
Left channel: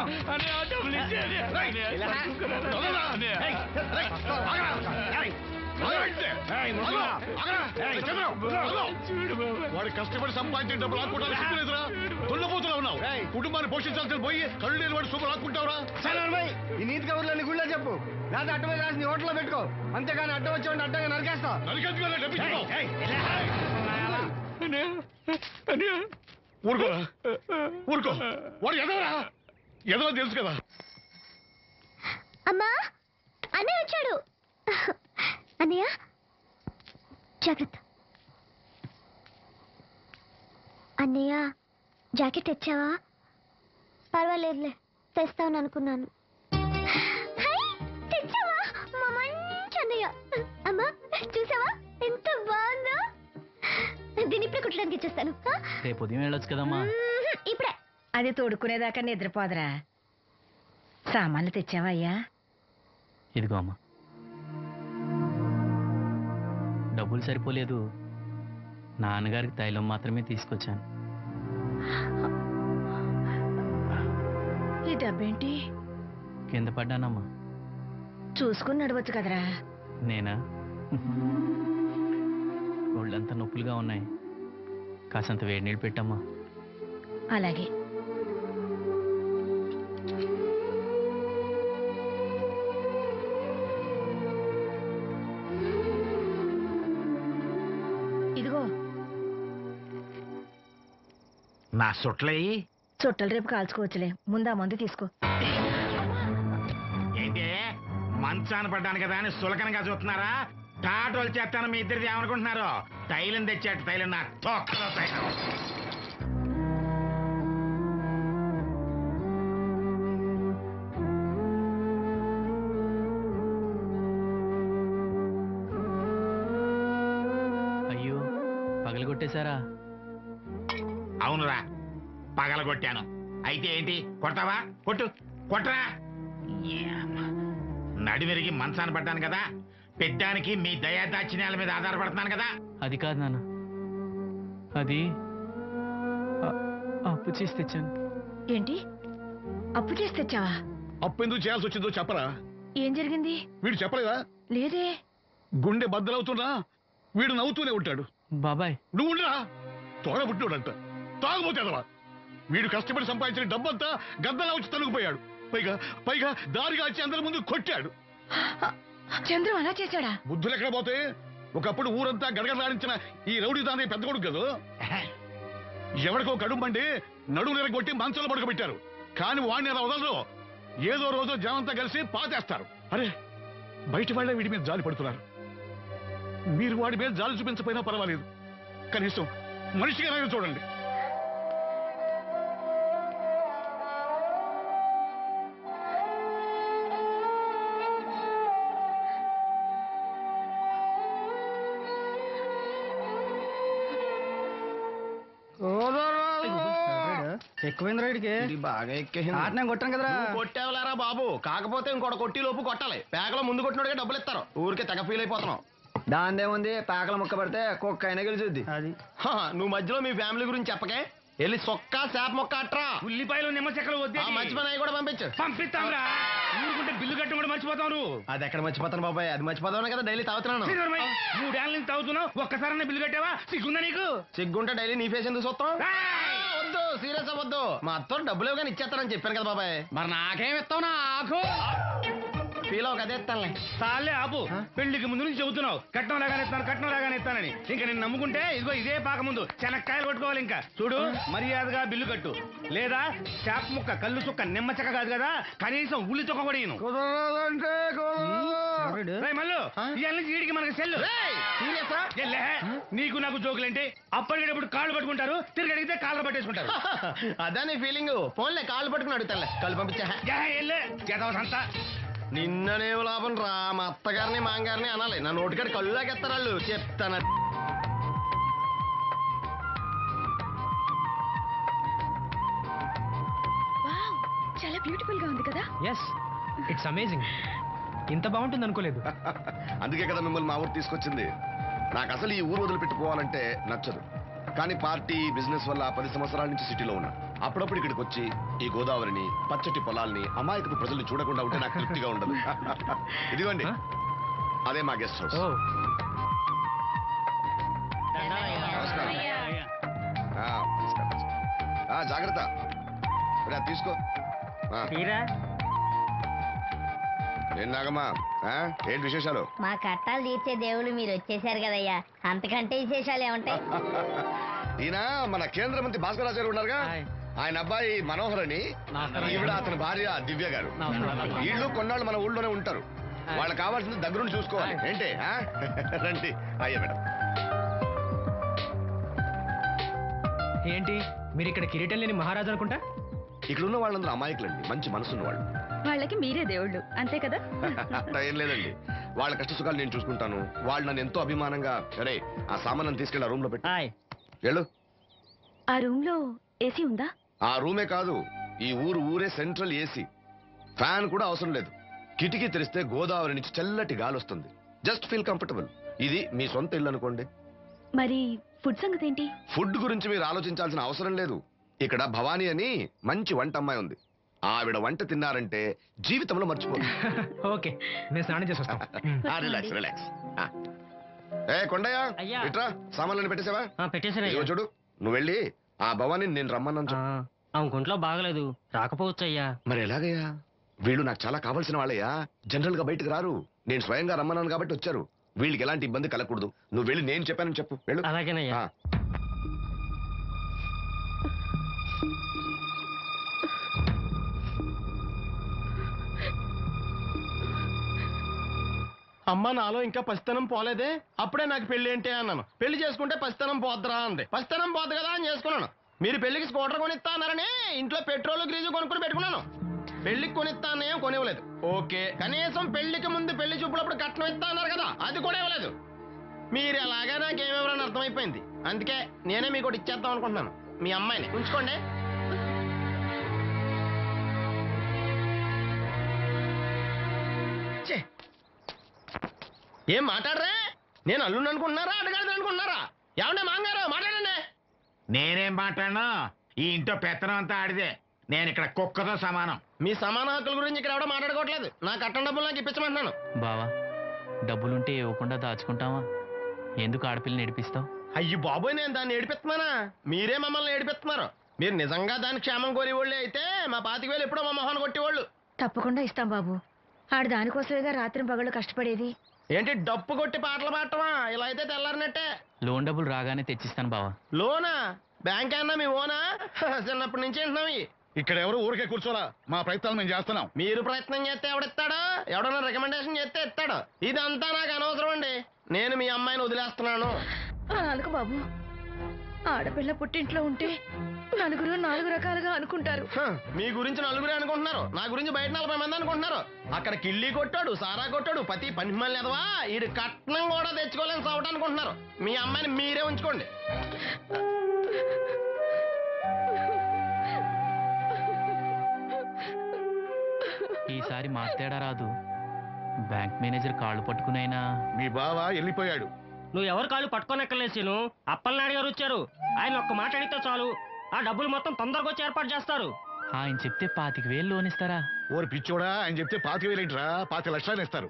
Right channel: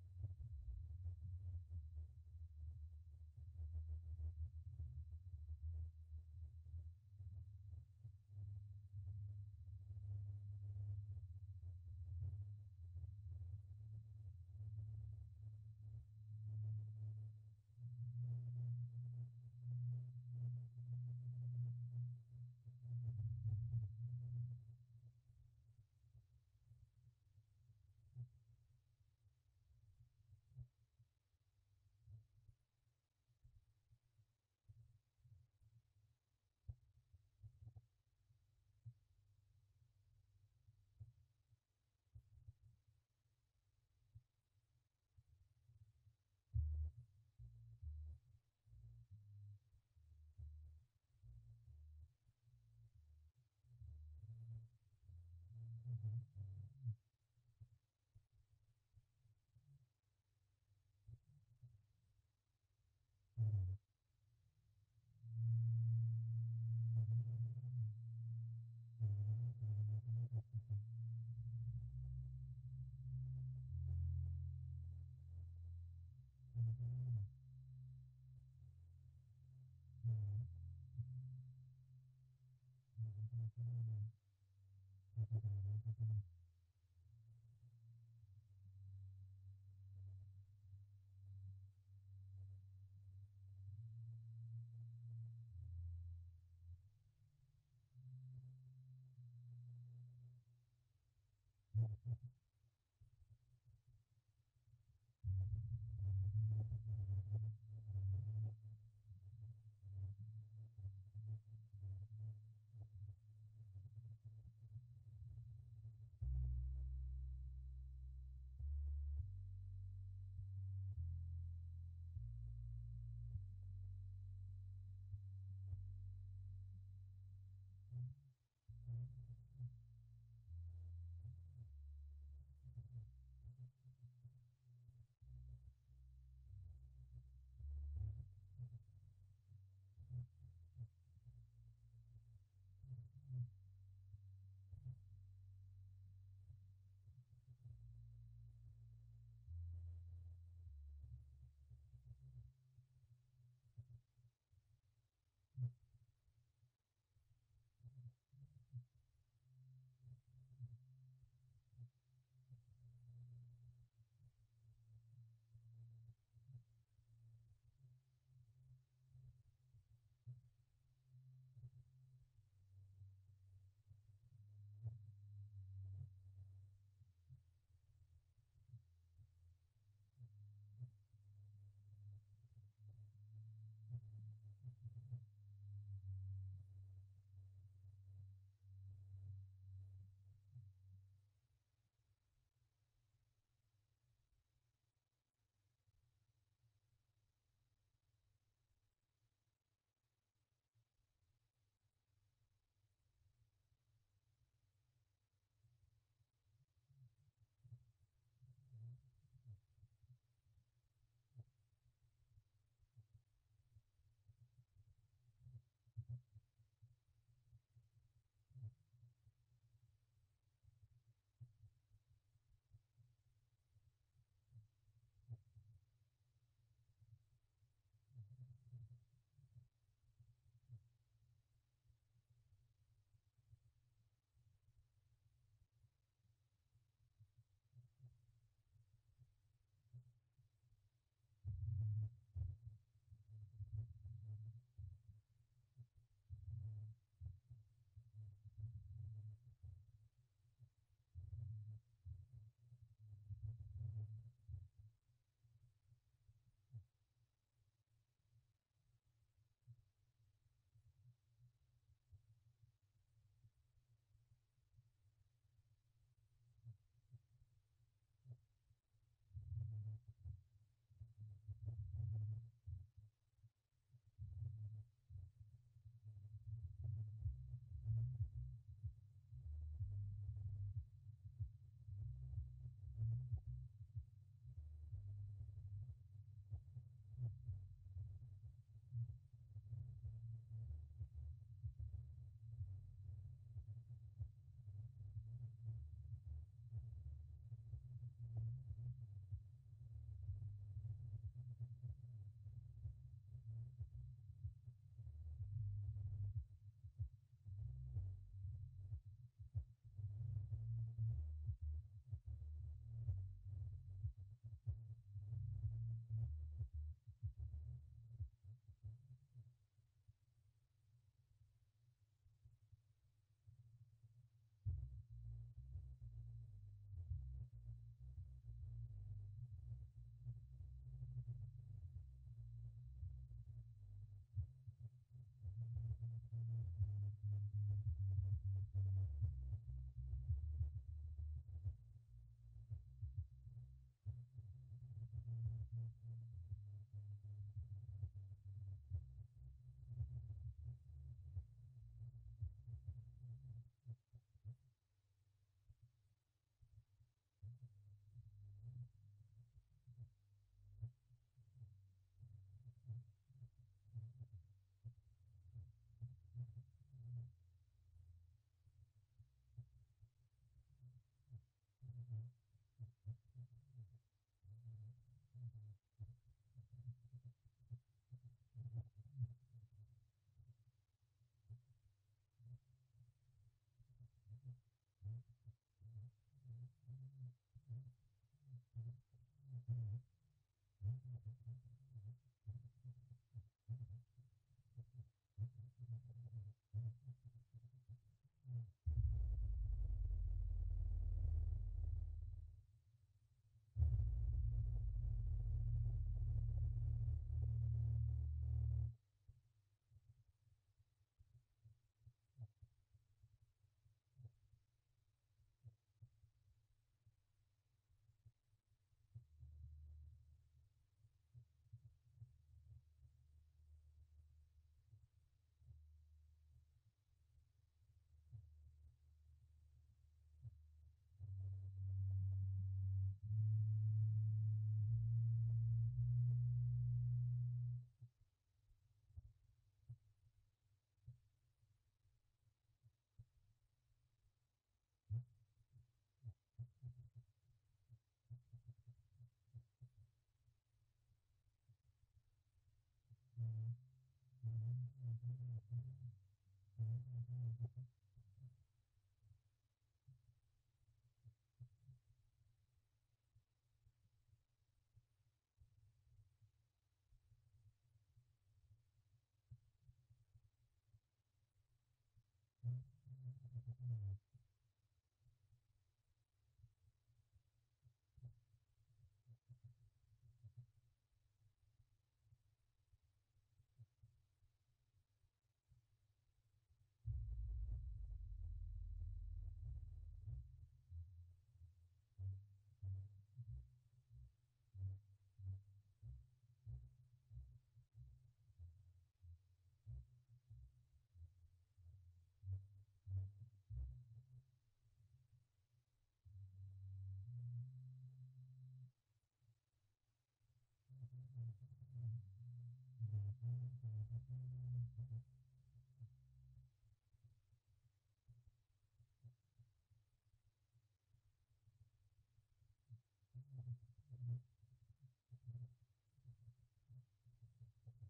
వాడి కష్టపడి సంపాదించిన డబ్బులు ఆడుకుంటారా? సిగ్గులేదురా? దున్నపోతులా ఉన్నావు. కుటుంబాన్ని పోషించాల్సిన పోయి కళ్ళు లేని వాడి సూపర్ ఆడుకుంటావురా? ఈ నీతి కబుర్లన్నీ గుళ్ళో చెప్పు, లేదా అడ్డ మీద రాసి నీ హోటల్లో పెట్టుకో. అంతేగాని అడ్డం వచ్చి అడ్డంగా నరికేస్తా. ఊరుకోరా, ఊరుకో. వాడు ఎదవరా? ఎదవ తెలుసు కదా. అమ్మా, అన్నయ్య వచ్చాడు. అన్నయ్య జాగ్రత్త. అన్నయ్య జాకెట్ తెచ్చావా? పర్వాలేదులే, తెస్తాను అనుకున్నాను. తెచ్చావా? మా మంచి అన్నయ్య. అమ్మా చూసావా ఎంత బాగుందో? దీన్ని ఇప్పుడే కుట్టడానికి ఇచ్చేస్తాను. రేపు ఉదయం వెళ్ళొచ్చు కదమ్మా. ఇప్పుడే. అది తోడుకునేదాకా నిద్రపోదరా. సామాన్లు తెచ్చావా అయ్యా? ఇదిగో అమ్మా. డబ్బులు సరిపోలేదు, నాన్నగారికి తైలం మాత్రమే తీసుకొచ్చాను. ఈ డబ్బేంటి? కింద పడ్డానమ్మా. చూసుకుని నడవచ్చు కదరా. నేనా? ఒళ్ళంతా నొప్పులుగా ఉన్నాయి, కాసంత వేడి నీళ్ళు పెట్టమ్మా. అలాగే. ఇదిగో నా సొట్లయి చుట్టలు రేపు కాల్చుకోవచ్చులే, ముందా మందు తీసుకో. ఏంటి మంచాన పడ్డాను కదా అని సులకనగా చూస్తున్నారా? టాటోలు చేస్తాను మీ ఇద్దరిది ఏమనుకుంటున్నారు? తైలం తెచ్చాడు, తైలం నా తొక్కలో తైలం. అయ్యో, పగలగొట్టేశారా? అవునురా, పగలగొట్టాను. అయితే ఏంటి, కొడతావా? కొట్టు, కొట్టరా. నడివిరిగి మంచాన పడ్డాను కదా, పెద్దానికి మీ దయాదాచిన్యాల మీద ఆధారపడుతున్నాను కదా. అది కాదు నాన్న, అది అప్పు చేసి తెచ్చాను. ఏంటి, అప్పు చేసి తెచ్చావా? అప్పు ఎందుకు చేయాల్సి వచ్చిందో చెప్పరా? ఏం జరిగింది? వీడు చెప్పలేదా? లేదే. గుండె బద్దలవుతున్నా వీడు నవ్వుతూనే ఉంటాడు. బాబాయ్ నువ్వు ఉండరా? తోడబుట్టినోడంట, తాగుపోతేదవా. వీడు కష్టపడి సంపాదించిన డబ్బంతా గద్దలా వచ్చి తనుకుపోయాడు. పైగా పైగా దారిగా వచ్చి అందరి ముందు కొట్టాడు. చంద్రం అలా చేశాడా? బుద్ధులు ఎక్కడ పోతే? ఒకప్పుడు ఊరంతా గడగడలాడించిన ఈ రౌడీ దాని పెద్ద కొడుకు కదా. ఎవరికో కడుంబండి నడుము నిరగొట్టి మంచంలో పడుకోబెట్టారు. కానీ వాడిని అలా వదలరు. ఏదో రోజు జనంతా కలిసి పాతేస్తారు. అరే, బయట వాళ్ళే వీడి మీద జాలి పడుతున్నారు. మీరు వాడి మీద జాలి చూపించకపోయినా పర్వాలేదు, కనీసం మనిషిగా చూడండి. ఎక్కువైంది రైడ్కి, బాగా ఎక్కేసింది. ఆటనే కొట్టాను కదరా. కొట్టేవలేరా బాబు, కాకపోతే ఇంకోటి కొట్టి లోపు కొట్టాలి. పేకలో ముందు కొట్టినోడికే డబ్బులు ఇస్తారు. ఊరికే తెగ ఫీల్ అయిపోతున్నావు. దాందేముంది, పేకల ముక్క పడితే కుక్క అయినా గెలిచుద్ది. అది నువ్వు మధ్యలో మీ ఫ్యామిలీ గురించి చెప్పకే. వెళ్ళి సొక్క చేప మొక్క అట్రా. ఉల్లిపాయలు నిమ్మ చెక్కలు వద్దే. మంచి పని అవి కూడా పంపించు. పంపిస్తాంరా. ఊరుకుంటే బిల్లు కట్టి కూడా మర్చిపోతావు. అది ఎక్కడ మర్చిపోతాను బాబాయ్, అది మర్చిపోతావు కదా డైలీ తాగుతున్నాను. 3 ఏళ్ళ నుంచి తాగుతున్నావు, ఒక్కసారి బిల్లు కట్టావా? సిగ్గుందా నీకు? సిగ్గుంటే డైలీ నీ ఫేస్ ఎందుకు చూస్తాం? వద్దు, సీరియస్ అవ్వద్దు. మా అత్తోడు డబ్బులు ఇవ్వగానే ఇచ్చేస్తానని చెప్పాను కదా బాబాయ్. మరి నాకేం ఇస్తావు? నాకు ఫీల్ అవ్వక అదే ఇస్తానులే. సాలే ఆపు. పెళ్లికి ముందు నుంచి చెబుతున్నావు కట్నం లాగానే ఇస్తాను, కట్నం లాగానే ఇస్తానని. ఇంకా నేను నమ్ముకుంటే ఇదిగో ఇదే పాక ముందు శనక్కాయలు కొట్టుకోవాలి. ఇంకా చూడు, మర్యాదగా బిల్లు కట్టు, లేదా చేప ముక్క, కళ్ళు చుక్క, నిమ్మ చెక్క కాదు కదా, కనీసం ఉల్లి చుక్క కూడా ఇయ్యను. మళ్ళీ ఇవాళ నుంచి వీడికి మనకి సెల్లు. నీకు నాకు జోకులేంటి? అప్పటికేటప్పుడు కాళ్ళు పట్టుకుంటారు, తిరిగి అడిగితే కాళ్ళు పట్టేసుకుంటారు. అదే నీ ఫీలింగ్. ఫోన్లే కాళ్ళు పట్టుకుని అడుగుతానులే, కళ్ళు పంపించా. నిన్ననేం లాభం రా, మా అత్తగారిని మాంగారిని అనాలి. నా నోటికాడి కళ్ళు లాగెత్తారు వాళ్ళు. చెప్తాను. చాలా బ్యూటిఫుల్ గా ఉంది కదా. Yes, it's amazing. ఇంత బాగుంటుంది అనుకోలేదు. అందుకే కదా మిమ్మల్ని మా ఊరు తీసుకొచ్చింది. నాకు అసలు ఈ ఊరు వదిలిపెట్టుకోవాలంటే నచ్చదు. కానీ పార్టీ బిజినెస్ వల్ల 10 సంవత్సరాల నుంచి సిటీలో ఉన్నా. అప్పుడప్పుడు ఇక్కడికి వచ్చి ఈ గోదావరిని, పచ్చటి పొలాల్ని, అమాయకపు ప్రజల్ని చూడకుండా ఉంటే నాకు తృప్తిగా ఉండదు. ఇదిగోండి, అదే మా గెస్ట్ హౌస్. నమస్కారం. జాగ్రత్త, తీసుకో. ఏం నాగమ్మా, ఏంటి విశేషాలు? మా కట్టాలు తీర్చే దేవుళ్ళు మీరు వచ్చేసారు కదయ్యా, అంతకంటే విశేషాలు ఏముంటాయి? ఈయన మన కేంద్ర మంత్రి భాస్కరాచార్య ఉన్నారుగా, ఆయన అబ్బాయి మనోహర్ అని, ఈవిడ అతని భార్య దివ్య గారు. వీళ్ళు కొన్నాళ్ళు మన ఊళ్ళోనే ఉంటారు. వాళ్ళకి కావాల్సింది దగ్గరుండి చూసుకోవాలి. ఏంటి రండి. అయ్యా మేడం. ఏంటి మీరు ఇక్కడ కిరీటం లేని మహారాజు అనుకుంటా? ఇక్కడ ఉన్న వాళ్ళందరూ అమాయకులండి, మంచి మనసున్న వాళ్ళు. వాళ్ళకి మీరే దేవుళ్ళు అంతే కదా. అట్లా ఏం లేదండి, వాళ్ళ కష్ట సుఖాలు నేను చూసుకుంటాను. వాళ్ళు నన్ను ఎంతో అభిమానంగా, అరే ఆ సామాన్ తీసుకెళ్ళి ఆ రూమ్ లో పెట్టి వెళ్ళు. ఆ రూమ్ లో ఏసీ ఉందా? ఆ రూమే కాదు, ఈ ఊరే సెంట్రల్ ఏసీ. ఫ్యాన్ కూడా అవసరం లేదు. కిటికీ తెరిస్తే గోదావరి నుంచి చల్లటి గాలి వస్తుంది. Just feel comfortable. ఇది మీ సొంత ఇల్లు అనుకోండి. మరి ఫుడ్ సంగతి ఏంటి? ఫుడ్ గురించి మీరు ఆలోచించాల్సిన అవసరం లేదు. ఇక్కడ భవానీ అని మంచి వంట అమ్మాయి ఉంది. ఆవిడ వంట తిన్నారంటే జీవితంలో మర్చిపోదు. ఓకే, నేను స్నానం చేసి వస్తాను. Relax relax. ఏ కొండయ్య, ఇట్రా, సామాన్లను పెట్టేసావా? పెట్టేసాను. చూడు, నువ్వు వెళ్ళి ఆ భవానీ నేను రమ్మన్నాను. ఆమె గుంట్లో బాగలేదు, రాకపోవచ్చు అయ్యా. మరి ఎలాగయ్యా? వీళ్ళు నాకు చాలా కావాల్సిన వాళ్ళయ్యా. జనరల్ గా బయటకు రారు. నేను స్వయంగా రమ్మన్నాను కాబట్టి వచ్చారు. వీళ్ళకి ఎలాంటి ఇబ్బంది కలగకూడదు. నువ్వు వెళ్ళి నేను చెప్పానని చెప్పు. వెళ్ళు. అలాగేనయ్యా. అమ్మ నాలో ఇంకా పసితనం పోలేదే, అప్పుడే నాకు పెళ్లి ఏంటి అన్నాను. పెళ్లి చేసుకుంటే పసితనం పోద్దురా అంది. పసితనం పోద్దు కదా అని చేసుకున్నాను. మీరు పెళ్లికి స్కూటర్ కొనిస్తా అన్నారని ఇంట్లో పెట్రోల్ గ్రీజు కొనుక్కుని పెట్టుకున్నాను. పెళ్లికి కొనిస్తా అన్నయం కొనివ్వలేదు. ఓకే, కనీసం పెళ్లికి ముందు పెళ్లి చూపులప్పుడు కట్నం ఇస్తా అన్నారు కదా, అది కూడా ఇవ్వలేదు. మీరు ఎలాగా నాకేమెవరని అర్థమైపోయింది. అందుకే నేనే మీకు ఒకటి ఇచ్చేద్దాం అనుకుంటున్నాను. మీ అమ్మాయిని ఉంచుకోండి. ఏం మాట్లాడరా? నేను అల్లుండి అనుకుంటున్నారా, అడగాలి అనుకుంటున్నారా? ఏమంటే మాంగారు మాట్లాడండి. నేనేం మాట్లాడను, ఈ ఇంట్లో పెత్తనం అంతా ఆడిదే. నేను ఇక్కడ కుక్కతో సమానం. మీ సమాన హక్కుల గురించి ఇక్కడ ఎవడో మాట్లాడుకోవట్లేదు. నా కట్టం డబ్బులు నాకు ఇప్పించమంటున్నాను. బావా, డబ్బులుంటే ఇవ్వకుండా దాచుకుంటావా? ఎందుకు ఆడపిల్లని ఏడిపిస్తావు? అయ్యి బాబోయ్, నేను దాన్ని ఏడిపిస్తున్నానా? మీరే మమ్మల్ని ఏడిపిస్తున్నారు. మీరు నిజంగా దాని క్షేమం కోరేవాళ్ళే అయితే మా 25,000 ఎప్పుడో మా మొహాన్ని కొట్టేవాళ్ళు. తప్పకుండా ఇస్తాం బాబు. ఆడు దానికోసమేగా రాత్రి పగళ్ళు కష్టపడేది. ఏంటి డప్పు కొట్టి పాటలు పాడటమా? ఇలా అయితే తెల్లారినట్టే. లోన్ డబ్బులు రాగానే తెచ్చిస్తాను బావా. లోనా? బ్యాంక్ అన్నా మీ ఓనా? చిన్నప్పటి నుంచి వింటున్నాం. ఇక్కడ ఎవరు ఊరికే కూర్చోలా, మా ప్రయత్నాలు మేము చేస్తున్నాం. మీరు ప్రయత్నం చేస్తే ఎవడిస్తాడు? ఎవడన్నా రికమెండేషన్ చేస్తే ఇస్తాడు. ఇదంతా నాకు అనవసరం అండి. నేను మీ అమ్మాయిని వదిలేస్తున్నాను. అలాగ బాబు, ఆడపిల్ల పుట్టింట్లో ఉంటే నలుగురు 4 రకాలుగా అనుకుంటారు. మీ గురించి నలుగురే అనుకుంటున్నారు, నా గురించి బయట 40 మంది అనుకుంటున్నారు. అక్కడ కిళ్ళి కొట్టాడు, సారా కొట్టాడు, పతి పని మళ్ళీ ఎదవా, ఈడు కట్నం కూడా తెచ్చుకోలేని సవట అనుకుంటున్నారు. మీ అమ్మాయిని మీరే ఉంచుకోండి. ఈసారి తేడా రాదు. బ్యాంక్ మేనేజర్ కాళ్ళు పట్టుకునైనా. మీ బావ వెళ్ళిపోయాడు. నువ్వు ఎవరు కాళ్ళు పట్టుకోనెక్కలేసిను. అప్పలనాయుడు గారు వచ్చారు. ఆయన ఒక్క మాట అడిగితే చాలు, ఆ డబ్బులు మొత్తం తొందరగా వచ్చి ఏర్పాటు చేస్తారు. ఆయన చెప్తే 25,000 లోన్ ఇస్తారా? ఓరి పిచ్చోడా, ఆయన చెప్తే 25,000 ఏంట్రా, 25 లక్షలు ఇస్తారు.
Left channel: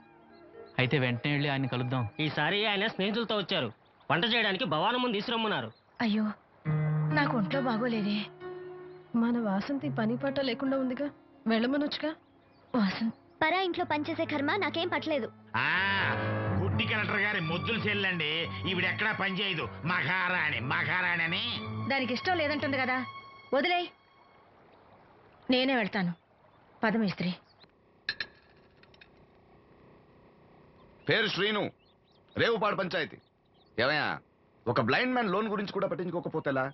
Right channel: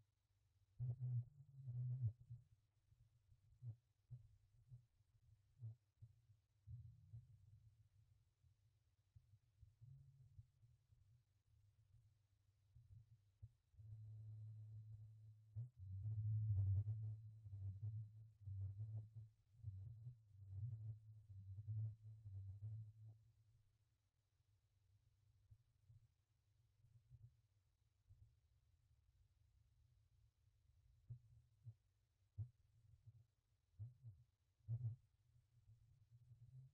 అయితే వెంటనే వెళ్ళి ఆయన కలుద్దాం. ఈసారి ఆయన స్నేహితులతో వచ్చారు. వంట చేయడానికి భవానం ముందు తీసురమ్మన్నారు. అయ్యో, నాకు ఒంట్లో బాగోలేదే. మన వాసంతి పని పట్ట లేకుండా ఉందిగా, వెళ్ళమనొచ్చుగా. వాసంత్ పరా ఇంట్లో పనిచేసే కర్మ నాకేం పట్టలేదు. గుడ్డి కలెక్టర్ గారి ముద్దులు చెల్లండి. ఈవిడెక్కడా పని చేయదు. మహారాణి అని. దానికి ఇష్టం లేదంటుంది కదా, వదిలే. నేనే వెళ్తాను. పదమేస్త్రి. పేరు శ్రీను, రేవుపాడు పంచాయతీ. ఏమయ్యా, ఒక బ్లైండ్ మ్యాన్ లోన్ గురించి కూడా పట్టించుకోకపోతేలా?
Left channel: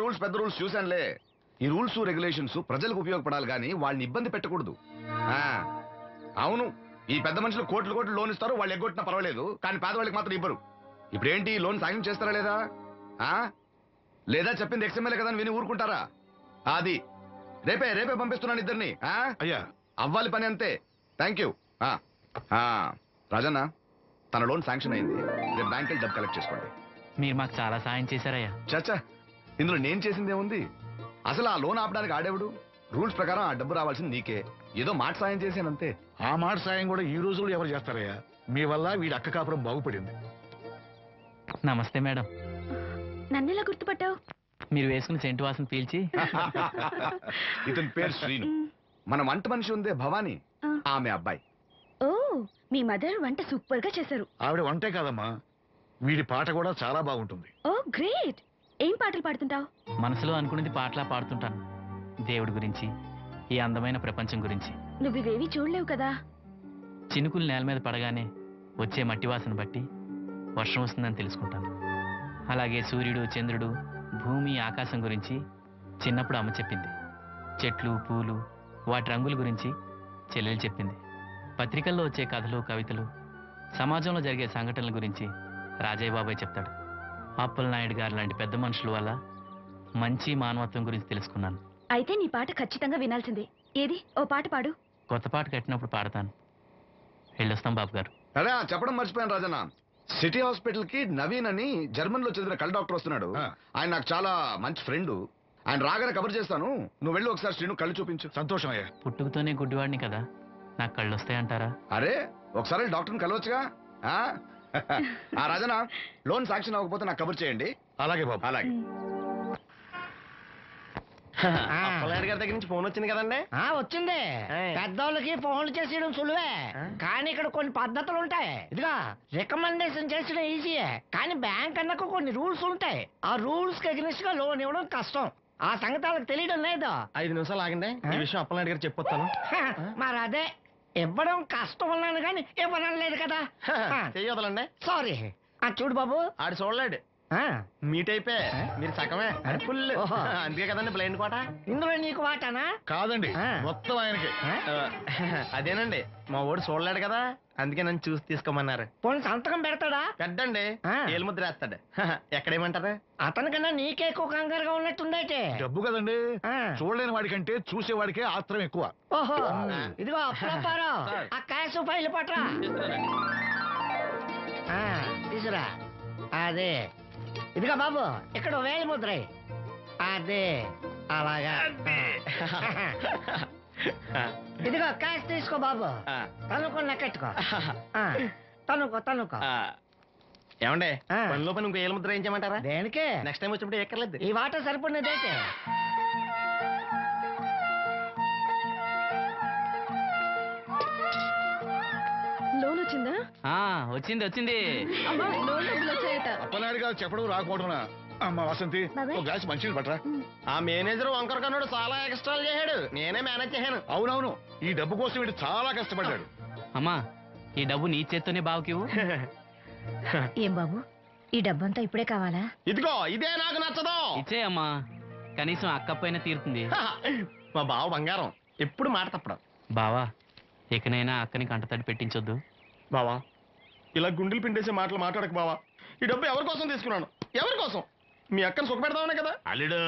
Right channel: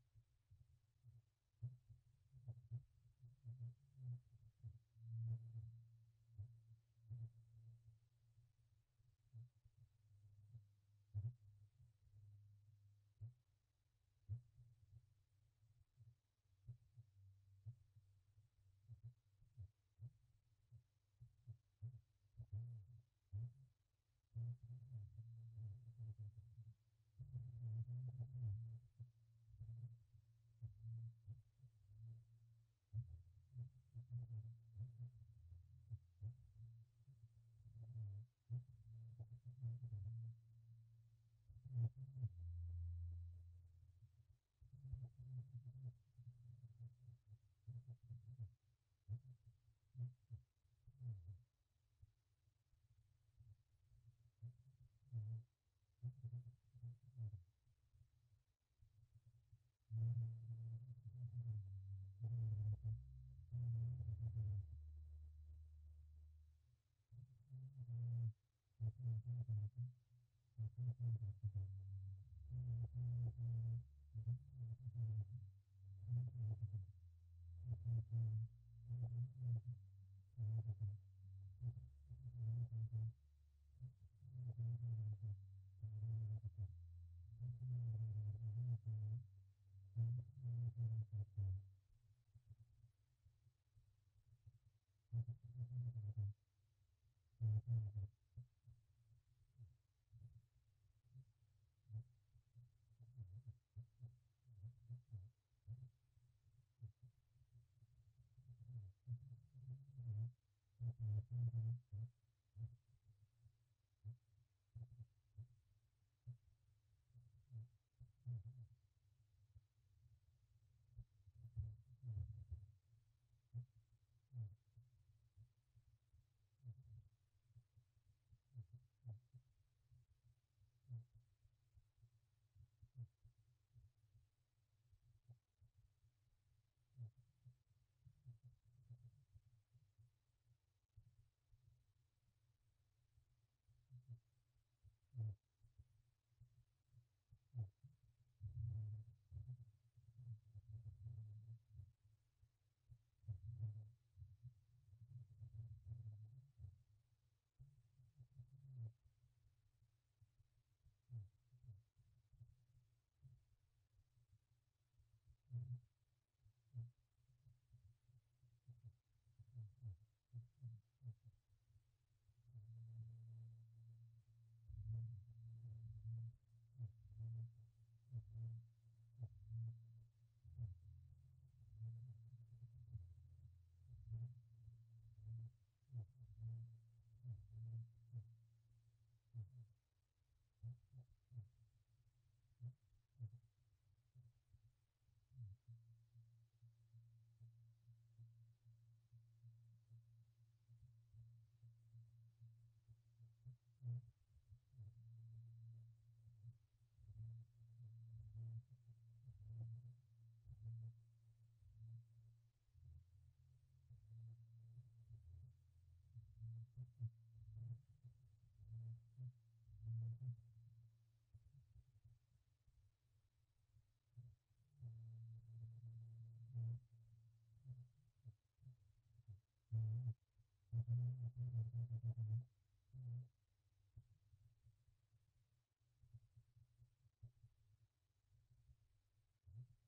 రూల్స్ పెద్ద రూల్స్ చూశానులే. ఈ రూల్స్ రెగ్యులేషన్స్ ప్రజలకు ఉపయోగపడాలి కానీ వాళ్ళని ఇబ్బంది పెట్టకూడదు. అవును, ఈ పెద్ద మనుషులు కోట్లు లోన్ ఇస్తారు, వాళ్ళు ఎగ్గొట్టినా పర్వాలేదు, కానీ పేదవాళ్ళకి మాత్రం ఇవ్వరు. ఇప్పుడేంటి, లోన్ సాంక్షన్ చేస్తారా లేదా? లేదా చెప్పింది ఎక్స్ఎంఎల్ఏ కదా అని విని ఊరుకుంటారా? అది రేపే రేపే పంపిస్తున్నాను ఇద్దరిని. అయ్యా అవ్వాలి పని అంతే. Thank you. రాజన్న, తన లోన్ శాంక్షన్ అయింది. రేపు బ్యాంక్ వెళ్ళి డబ్బు కలెక్ట్ చేసుకోండి. మీరు మాకు చాలా సాయం చేశారయ్యా. చచ్చా, ఇందులో నేను చేసింది ఏముంది? అసలు ఆ లోన్ ఆపడానికి ఆడేవుడు? రూల్స్ ప్రకారం ఆ డబ్బు రావాల్సింది నీకే. ఏదో మాట సాయం చేశానంతే. ఆ మాట సాయం కూడా ఈ రోజుల్లో ఎవరు చేస్తారయ్యా? మీ వల్ల వీడి అక్క కాపురం బాగుపడింది. నమస్తే మేడం. నన్నెలా గుర్తుపట్టావు? మీరు వేసుకున్న సెంటు వాసన పీల్చి. ఇతని పేరు శ్రీను. మన వంట మనిషి ఉందే భవానీ, ఆమె అబ్బాయి. ఓ, మీ మదర్ వంట సూపర్ గా చేశారు. ఆవిడ వంటే కాదమ్మా, వీడి పాట కూడా చాలా బాగుంటుంది. ఓ గ్రేట్. ఏం పాటలు పాడుతుంటావు? మనసులో అనుకున్నది పాటలా పాడుతుంటాను. దేవుడి గురించి, ఈ అందమైన ప్రపంచం గురించి. నువ్వు ఇవేవి చూడలేవు కదా. చినుకులు నేల మీద పడగానే వచ్చే మట్టి వాసన బట్టి వర్షం వస్తుందని తెలుసుకుంటాను. అలాగే సూర్యుడు, చంద్రుడు, భూమి, ఆకాశం గురించి చిన్నప్పుడు అమ్మ చెప్పింది. చెట్లు, పూలు, వాటి రంగుల గురించి చెల్లెలు చెప్పింది. పత్రికల్లో వచ్చే కథలు, కవితలు, సమాజంలో జరిగే సంఘటనల గురించి రాజయ్య బాబాయ్ చెప్తాడు. అప్పలనాయుడు గారు లాంటి పెద్ద మనుషుల వల్ల మంచి మానవత్వం గురించి తెలుసుకున్నాను. అయితే నీ పాట ఖచ్చితంగా వినాల్సిందే. ఏది, ఓ పాట పాడు. కొత్త పాట కట్టినప్పుడు పాడతాను. వెళ్ళొస్తాం బాబు గారు. అరే చెప్పడం మర్చిపోయాను రాజన్న. సిటీ హాస్పిటల్ కి నవీన్ అని జర్మన్ లో చదివిన కళ్ళ డాక్టర్ వస్తున్నాడు. ఆయన నాకు చాలా మంచి ఫ్రెండ్. ఆయన రాగానే కబర్ చేస్తాను. నువ్వు వెళ్ళి ఒకసారి శ్రీను కళ్ళు చూపించు. సంతోషం అయ్యా. పుట్టుకతోనే గుడ్డివాడిని కదా, నాకు కళ్ళు వస్తాయంటారా? అరే ఒకసారి డాక్టర్ని కలవచ్చుగా. రాజన్న, లోన్ శాంక్షన్ అవ్వకపోతే నాకు కబర్ చేయండి. అలాగే బాబు. అలాగే. అప్పలనాయుడు గారి దగ్గర నుంచి ఫోన్ వచ్చింది కదండి? వచ్చింది. పెద్దోళ్ళకి ఫోన్లు చేసేయడం సులువే, కానీ ఇక్కడ కొన్ని పద్ధతులు ఉంటాయి. ఇదిగా రికమెండేషన్ చేసడం ఈజీయే, కానీ బ్యాంక్ అన్నకు కొన్ని రూల్స్ ఉంటాయి. ఆ రూల్స్ కి అగ్నిస్ట్ గా లోన్ ఇవ్వడం కష్టం. ఆ సంగతి వాళ్ళకి తెలియడం లేదు. 5 నిమిషాలు ఆగండి, ఈ విషయం అప్పలనాయుడు గారు చెప్పొస్తాను. మరి అదే ఇవ్వడం కష్టం ఉన్నాను కానీ ఇవ్వడం లేదు కదా. చెయ్యొదలండి. సారీ. చూడు బాబు, ఆడు చూడలేడు. మీట్ అయిపోయి మీరు సగమే ఫుల్. అందుకే కదండి బ్లైండ్ కోట. ఇందులో నీకు వాటానా? కాదండి, మొత్తం ఆయనకి. అదేనండి, మా ఓడి చూడలేడు కదా, అందుకే నన్ను చూసి తీసుకోమన్నారు. పోనీ సంతకం పెడతాడా? పెద్దండి, ఏలు ముద్ర వేస్తాడు. ఎక్కడేమంటారు? అతనికన్నా నీకే ఎక్కువ కంగారుగా ఉన్నట్టుందైతే. డబ్బు కదండి, చూడలేని వాడికంటే చూసేవాడికే ఆత్రం ఎక్కువ. ఓహో, ఇదిగో అప్పుడప్పారావు, ఆ క్యాష్ ఫైల్ పట్రా. తీసురా. అదే, ఇదిగో బాబు, ఇక్కడ వేలి ముద్ర. అదే అలాగా. ఇదిగో క్యాష్ తీసుకో బాబు. తనుకో, లెక్కెట్టుకో. తనుకో. ఏమండే, పనిలో పని ఇంకో ఏలు ముద్ర వేయించమంటారా? దేనికే? నెక్స్ట్ టైం వచ్చినప్పుడు ఎక్కర్లేదు. ఈ వాట సరిపడినదైతే. లోన్ వచ్చిందా? వచ్చింది. అమ్మా, లోన్ డబ్బులు వచ్చాయట. అప్పలనాయుడు గారు చెప్పడం రాకపోవడం. అమ్మ వసంతి, ఒక గ్లాస్ మంచినీళ్ళు పట్టరా. ఆ మేనేజర్ వంకర కన్నాడు, చాలా ఎక్స్ట్రాలు చేశాడు. నేనే మేనేజ్ చేశాను. అవునవును, ఈ డబ్బు కోసం వీడు చాలా కష్టపడ్డాడు. అమ్మా, ఈ డబ్బు నీ చేత్తోనే బావుకివు. ఏం బాబు, ఈ డబ్బంతా ఇప్పుడే కావాలా? ఇదిగో ఇదే నాకు నచ్చదు. ఇచ్చేయమ్మా, కనీసం అక్కపైన తీరుతుంది. మా బావ బంగారం, ఎప్పుడు మాట తప్పడం. బావా, ఇకనైనా అక్కని కంటతడి పెట్టించొద్దు. బావా, ఇలా గుండెలు పిండేసే మాటలు మాట్లాడక బావా. ఈ డబ్బు ఎవరి కోసం తీసుకున్నాను? ఎవరి కోసం? మీ అక్కను సుఖపెడదామనే కదా. అల్లుడు,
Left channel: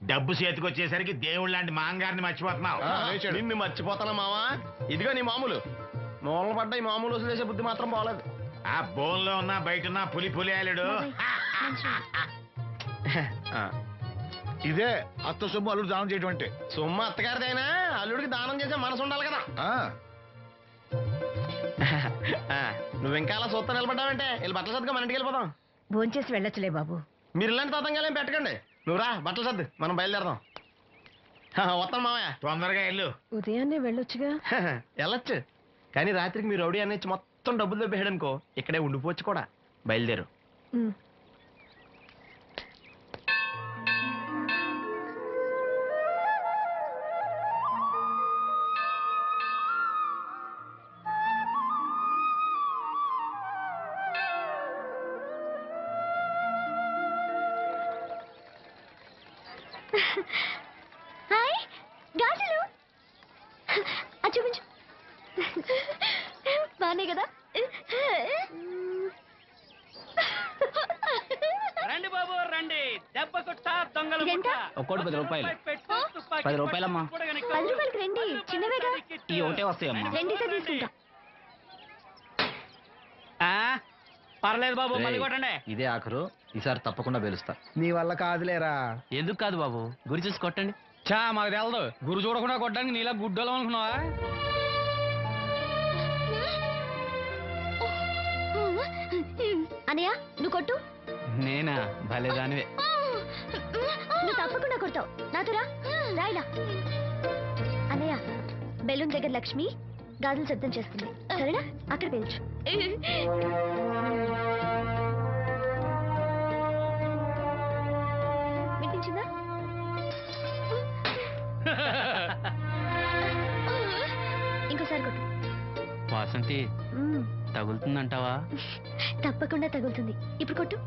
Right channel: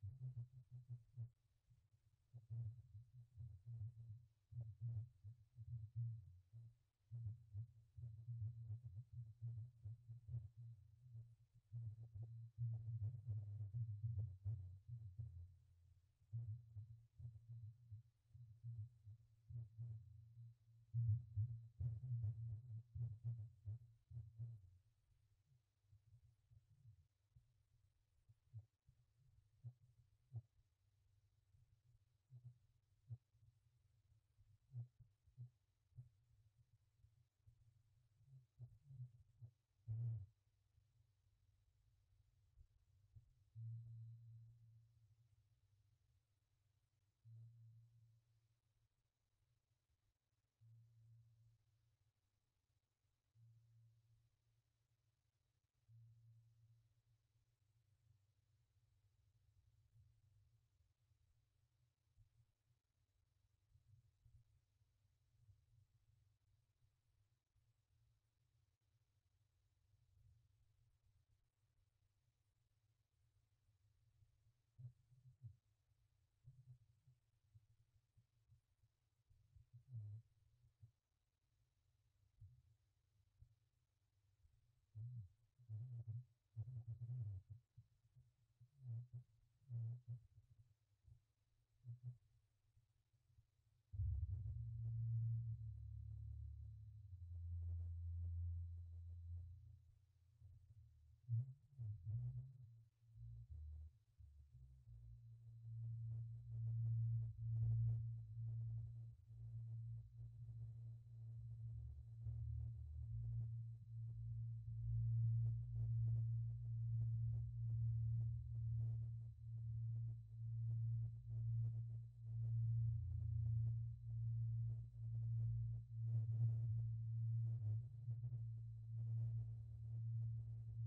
డబ్బు చేతికొచ్చేసరికి దేవుడు లాంటి మాంగారిని మర్చిపోతున్నావు. నిన్ను మర్చిపోతానా మావా? ఇదిగో నీ మామూలు మూలలు పడ్డ ఈ మామూలు వసూలు చేసే బుద్ధి మాత్రం బాగలేదు. ఆ బోన్లో ఉన్నా బయట ఉన్నా పులి అల్లుడు. ఇదే అత్త సొమ్ము అల్లుడు దానం చేయడం అంటే. సొమ్ము అత్తగారిదైనా అల్లుడికి దానం చేసే మనసు ఉండాలి కదా. నువ్వు ఇంకా అలా సొత్త నిలబడ్డావంటే వీళ్ళు బట్టలు సర్దుగా మన ఇంటికి వెళ్ళిపోదాం. భోంచేసి వెళ్ళొచ్చులే బాబు. మీరు ఇలాంటి తతంగాలేం పెట్టకండి. నువ్వు రా, బట్టలు సర్దు, మనం బయలుదేరదాం. వస్తాను మామయ్య. తొందరగా వెళ్ళు. ఉదయాన్నే వెళ్ళొచ్చుగా. వెళ్ళొచ్చు, కానీ రాత్రికి మీరు రౌడీ అనిచ్చి మొత్తం డబ్బులు దొబ్బేయడనుకో, ఇక్కడే ఉండిపోవచ్చు కూడా. బయలుదేరు. హాయ్, గాజులు చూపించు. బానే కదా? రండి బాబు రండి, దెబ్బ కొట్ట దొంగలు ఎంత? ఒక్కోటి 10 రూపాయలు. పెట్టు తుప్పా 10 రూపాయలమ్మా. 10 రూపాయలకి రండి, చిన్నవేగా. ఈ ఒకటే వస్తాయమ్మా. రండి సార్ తీసుకుంటా. పర్లేదు బాబు, మళ్ళీ కొట్టండి. ఇదే ఆఖరు, ఈసారి తప్పకుండా పేలుస్తా. నీ వల్ల కాదులేరా. ఎందుకు కాదు బాబు, గురి చూసి కొట్టండి. చా మాకు తెలదు, గురు చూడకుండా కొట్టడానికి నీలా గుడ్డోలం అనుకున్నావా? అనయ్య నువ్వు కొట్టు. నేనా? భలే దానివే. నువ్వు తప్పకుండా కొడతావు. నాతో రా, రాయిలా. అనయ్య బెలూన్ దగ్గర లక్ష్మి గాజులు శబ్దం చేస్తుంది, సరేనా? అక్కడ పేల్చు. వినిపించిందా? ఇంకోసారి కొట్టు. వాసంతి, తగులుతుందంటావా? తప్పకుండా తగులుతుంది. ఇప్పుడు కొట్టు.